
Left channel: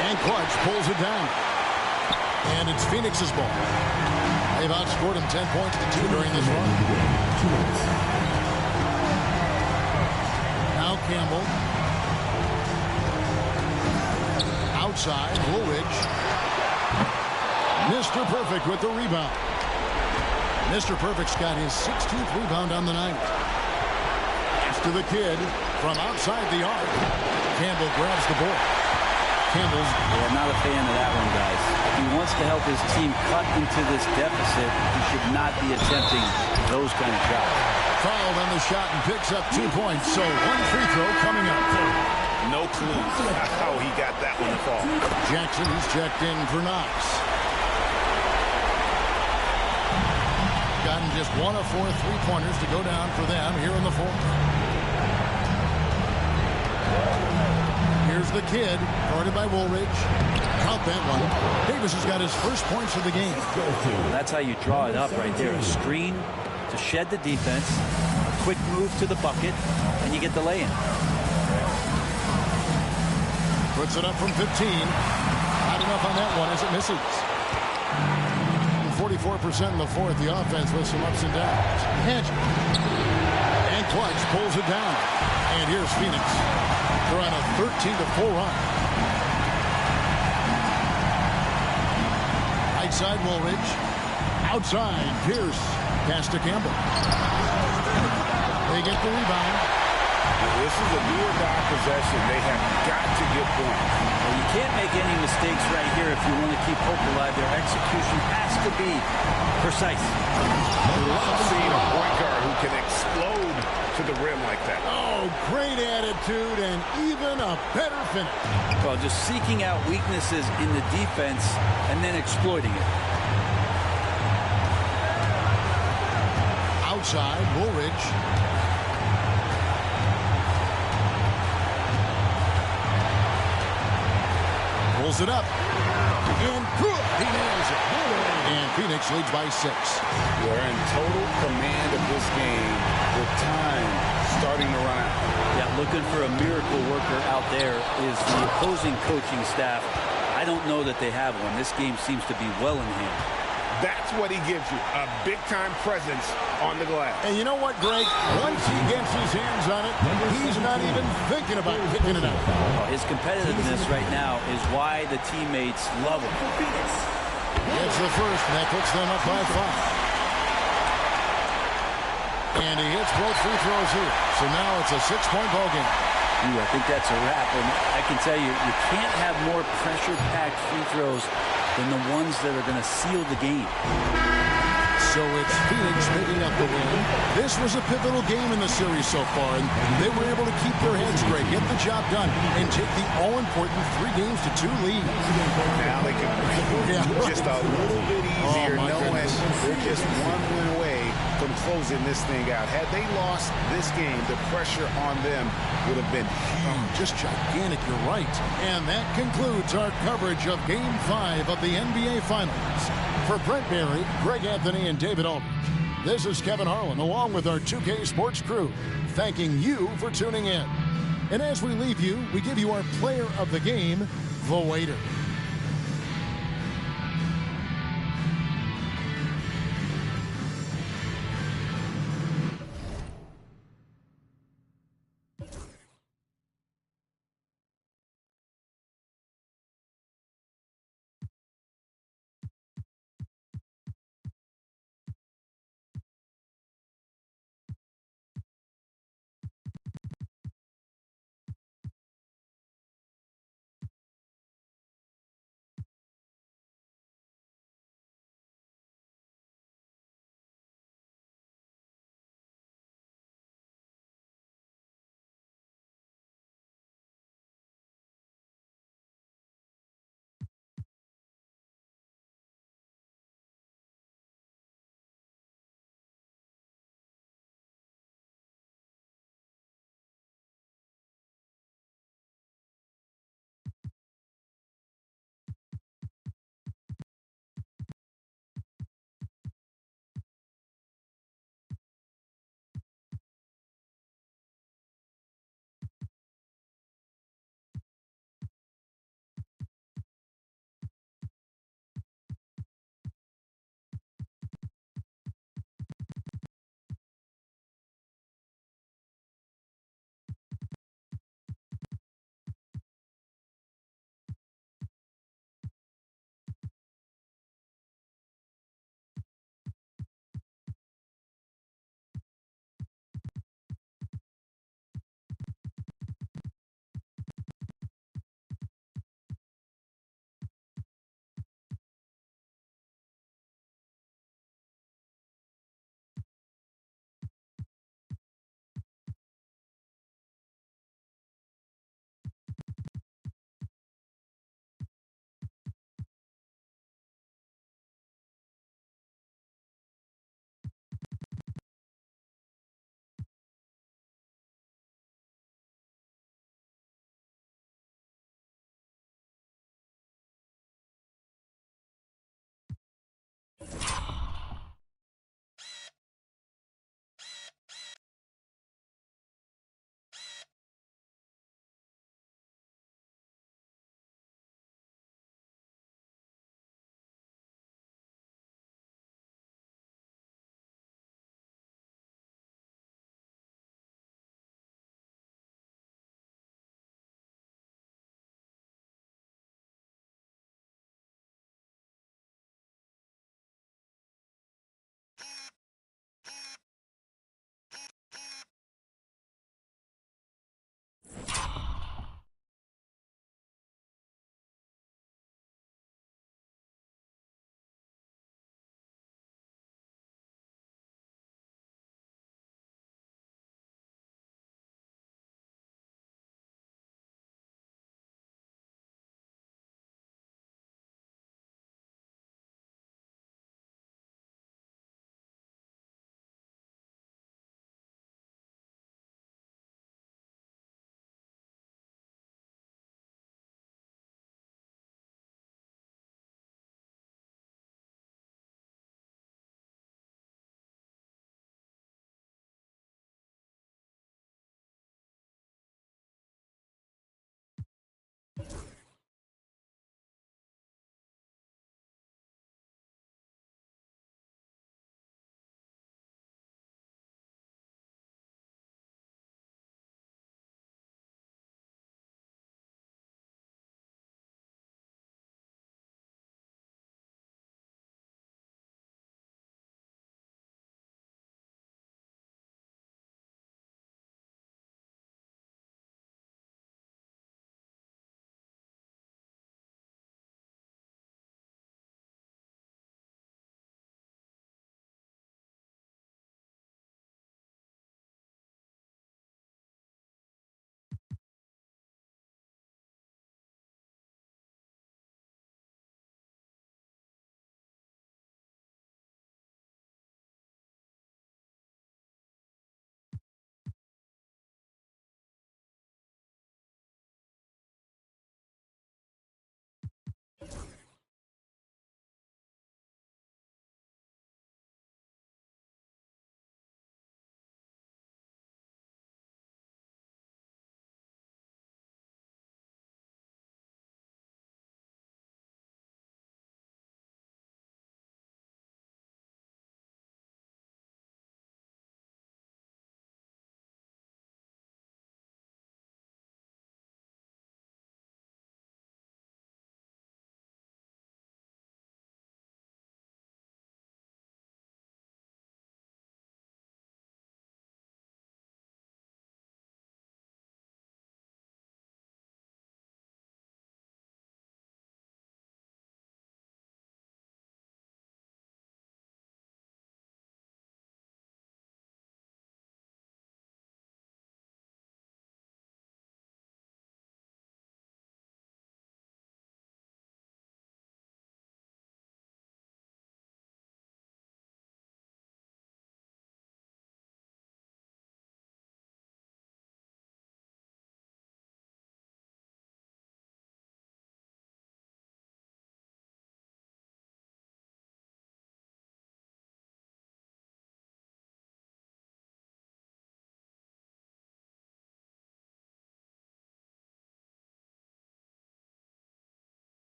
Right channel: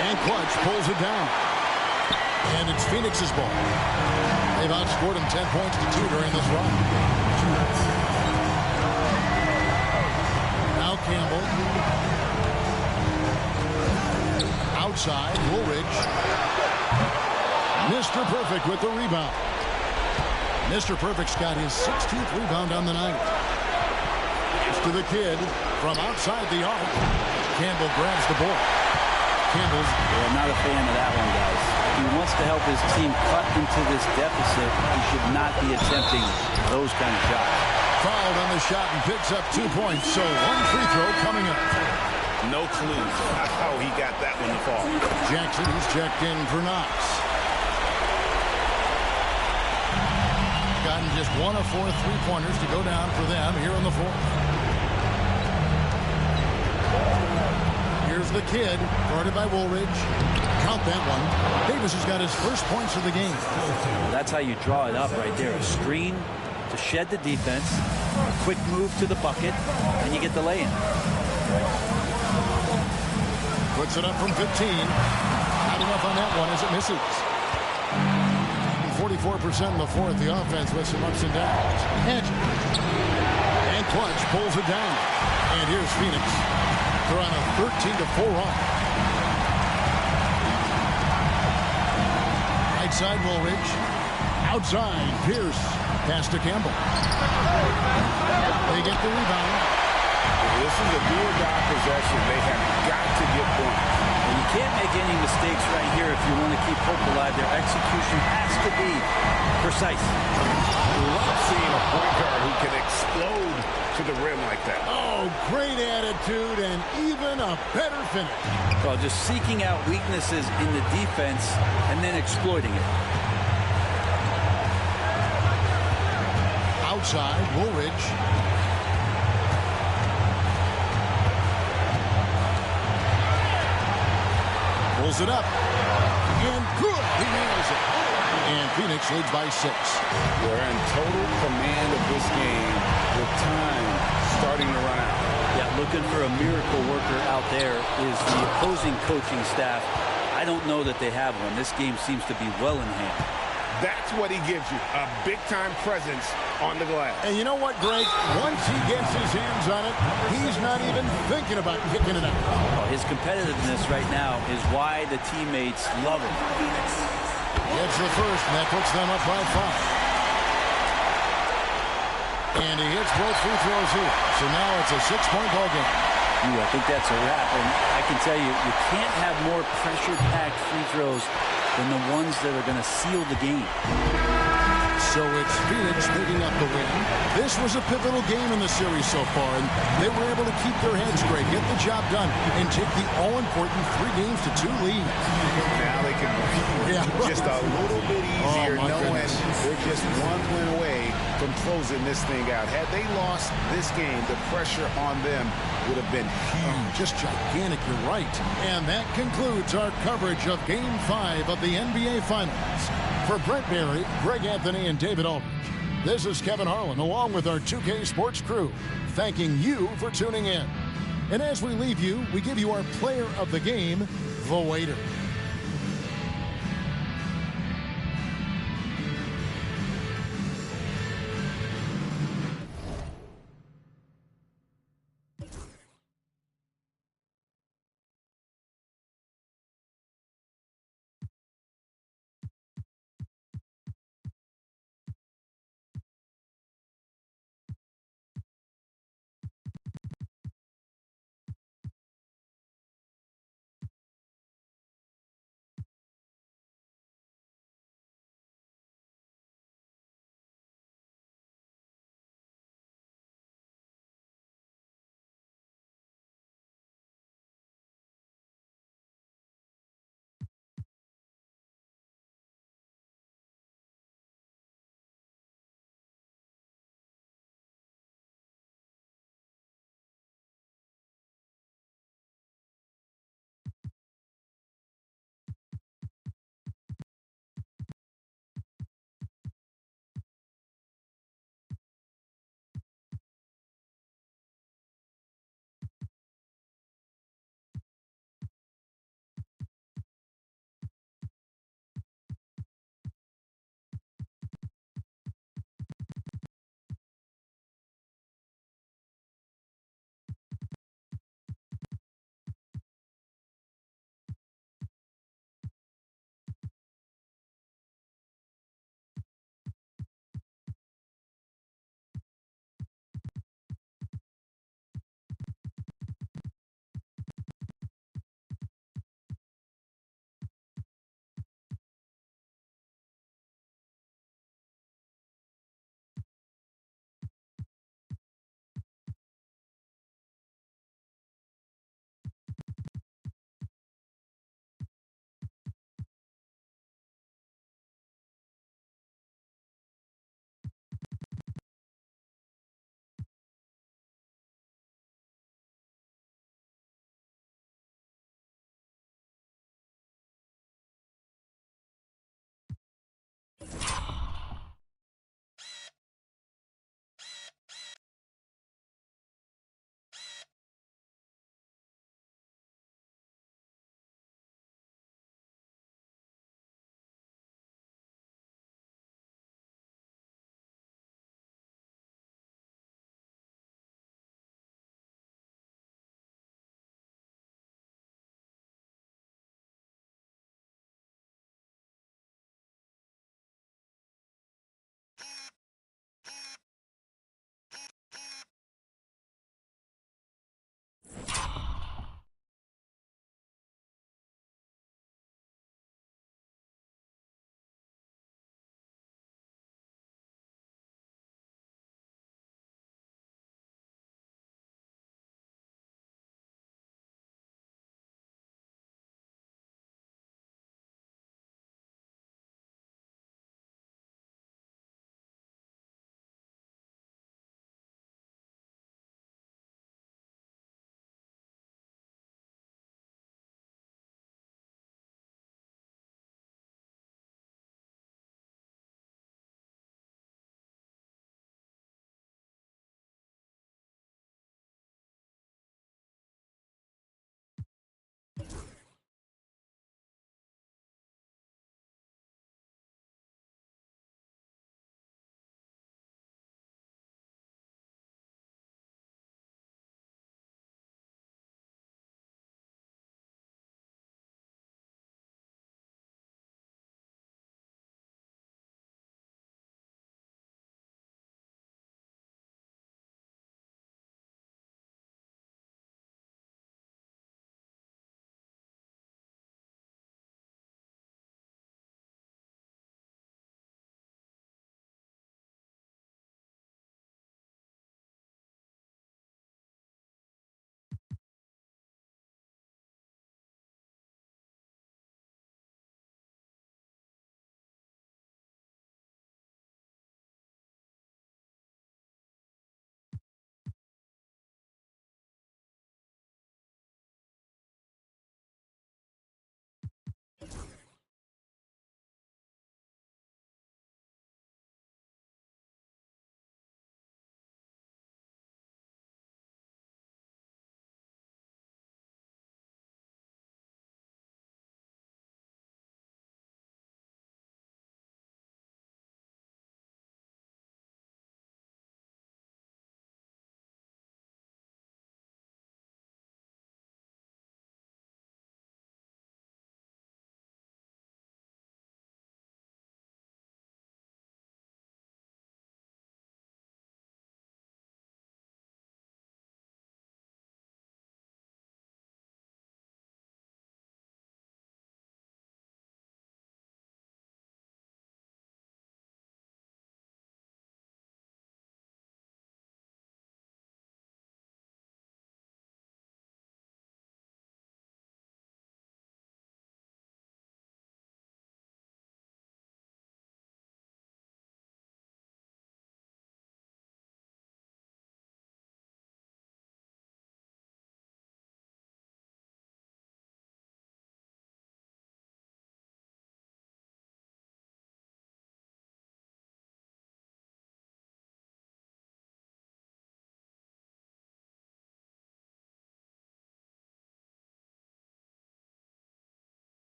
And Clutch pulls it down. And it's Phoenix's ball. They've outscored him 10 points to 2 during this run. Now Campbell. Outside, Woolridge. Mr. Perfect with the rebound. Mr. Perfect's got his 16th rebound on the night. Pass to the kid from outside the arc. Campbell grabs the ball. Campbell's. Yeah, not a fan of that one, guys. If he wants to help his team cut into this deficit, he should not be attempting those kind of shots. Fouled on the shot and picks up 2 points. So 1 free throw coming up. No clue how he got that one to fall. Jackson, he's checked in for Knox. Gotten just 1 of 4 3-pointers to go down for them here in the fourth. Here's the kid, guarded by Woolridge. Count that one. Davis has got his first points of the game. That's how you draw it up right there. A screen to shed the defense, a quick move to the bucket, and you get the lay-in. Puts it up from 15. Not enough on that one as it misses. 44% in the fourth. The offense with some ups and downs. And Clutch pulls it down. And here's Phoenix. They're on a 13-4 run. Right side, Woolridge. Outside, Pierce. Pass to Campbell. They get the rebound. This is a do-or-die possession. They have got to get points. And you can't make any mistakes right here if you want to keep hope alive. Their execution has to be precise. Love seeing a point guard who can explode to the rim like that. Oh, great attitude and even a better finish. Well, just seeking out weaknesses in the defense and then exploiting it. Outside, Woolridge. Pulls it up. And good. He nails it. And Phoenix leads by 6. They're in total command of this game with time starting to run out. Yeah, looking for a miracle worker out there is the opposing coaching staff. I don't know that they have one. This game seems to be well in hand. That's what he gives you, a big-time presence on the glass. And you know what, Greg? Once he gets his hands on it, he's not even thinking about kicking it out. Oh, his competitiveness right now is why the teammates love him. Gets the first, and that puts them up by 5. And he hits both free throws here. So now it's a 6-point ball game. Ooh, I think that's a wrap. And I can tell you, you can't have more pressure-packed free throws than the ones that are going to seal the game. So it's Phoenix picking up the win. This was a pivotal game in the series so far, and they were able to keep their heads straight, get the job done, and take the all-important 3-2 lead. Now they can breathe just a little bit easier, knowing they're just one win away from closing this thing out. Had they lost this game, the pressure on them would have been huge. Just gigantic, you're right. And that concludes our coverage of Game 5 of the NBA Finals. For Brent Barry, Greg Anthony, and David Aldridge, this is Kevin Harlan along with our 2K Sports crew, thanking you for tuning in. And as we leave you, we give you our player of the game, the waiter.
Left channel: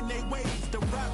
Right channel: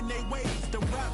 in their ways. The rap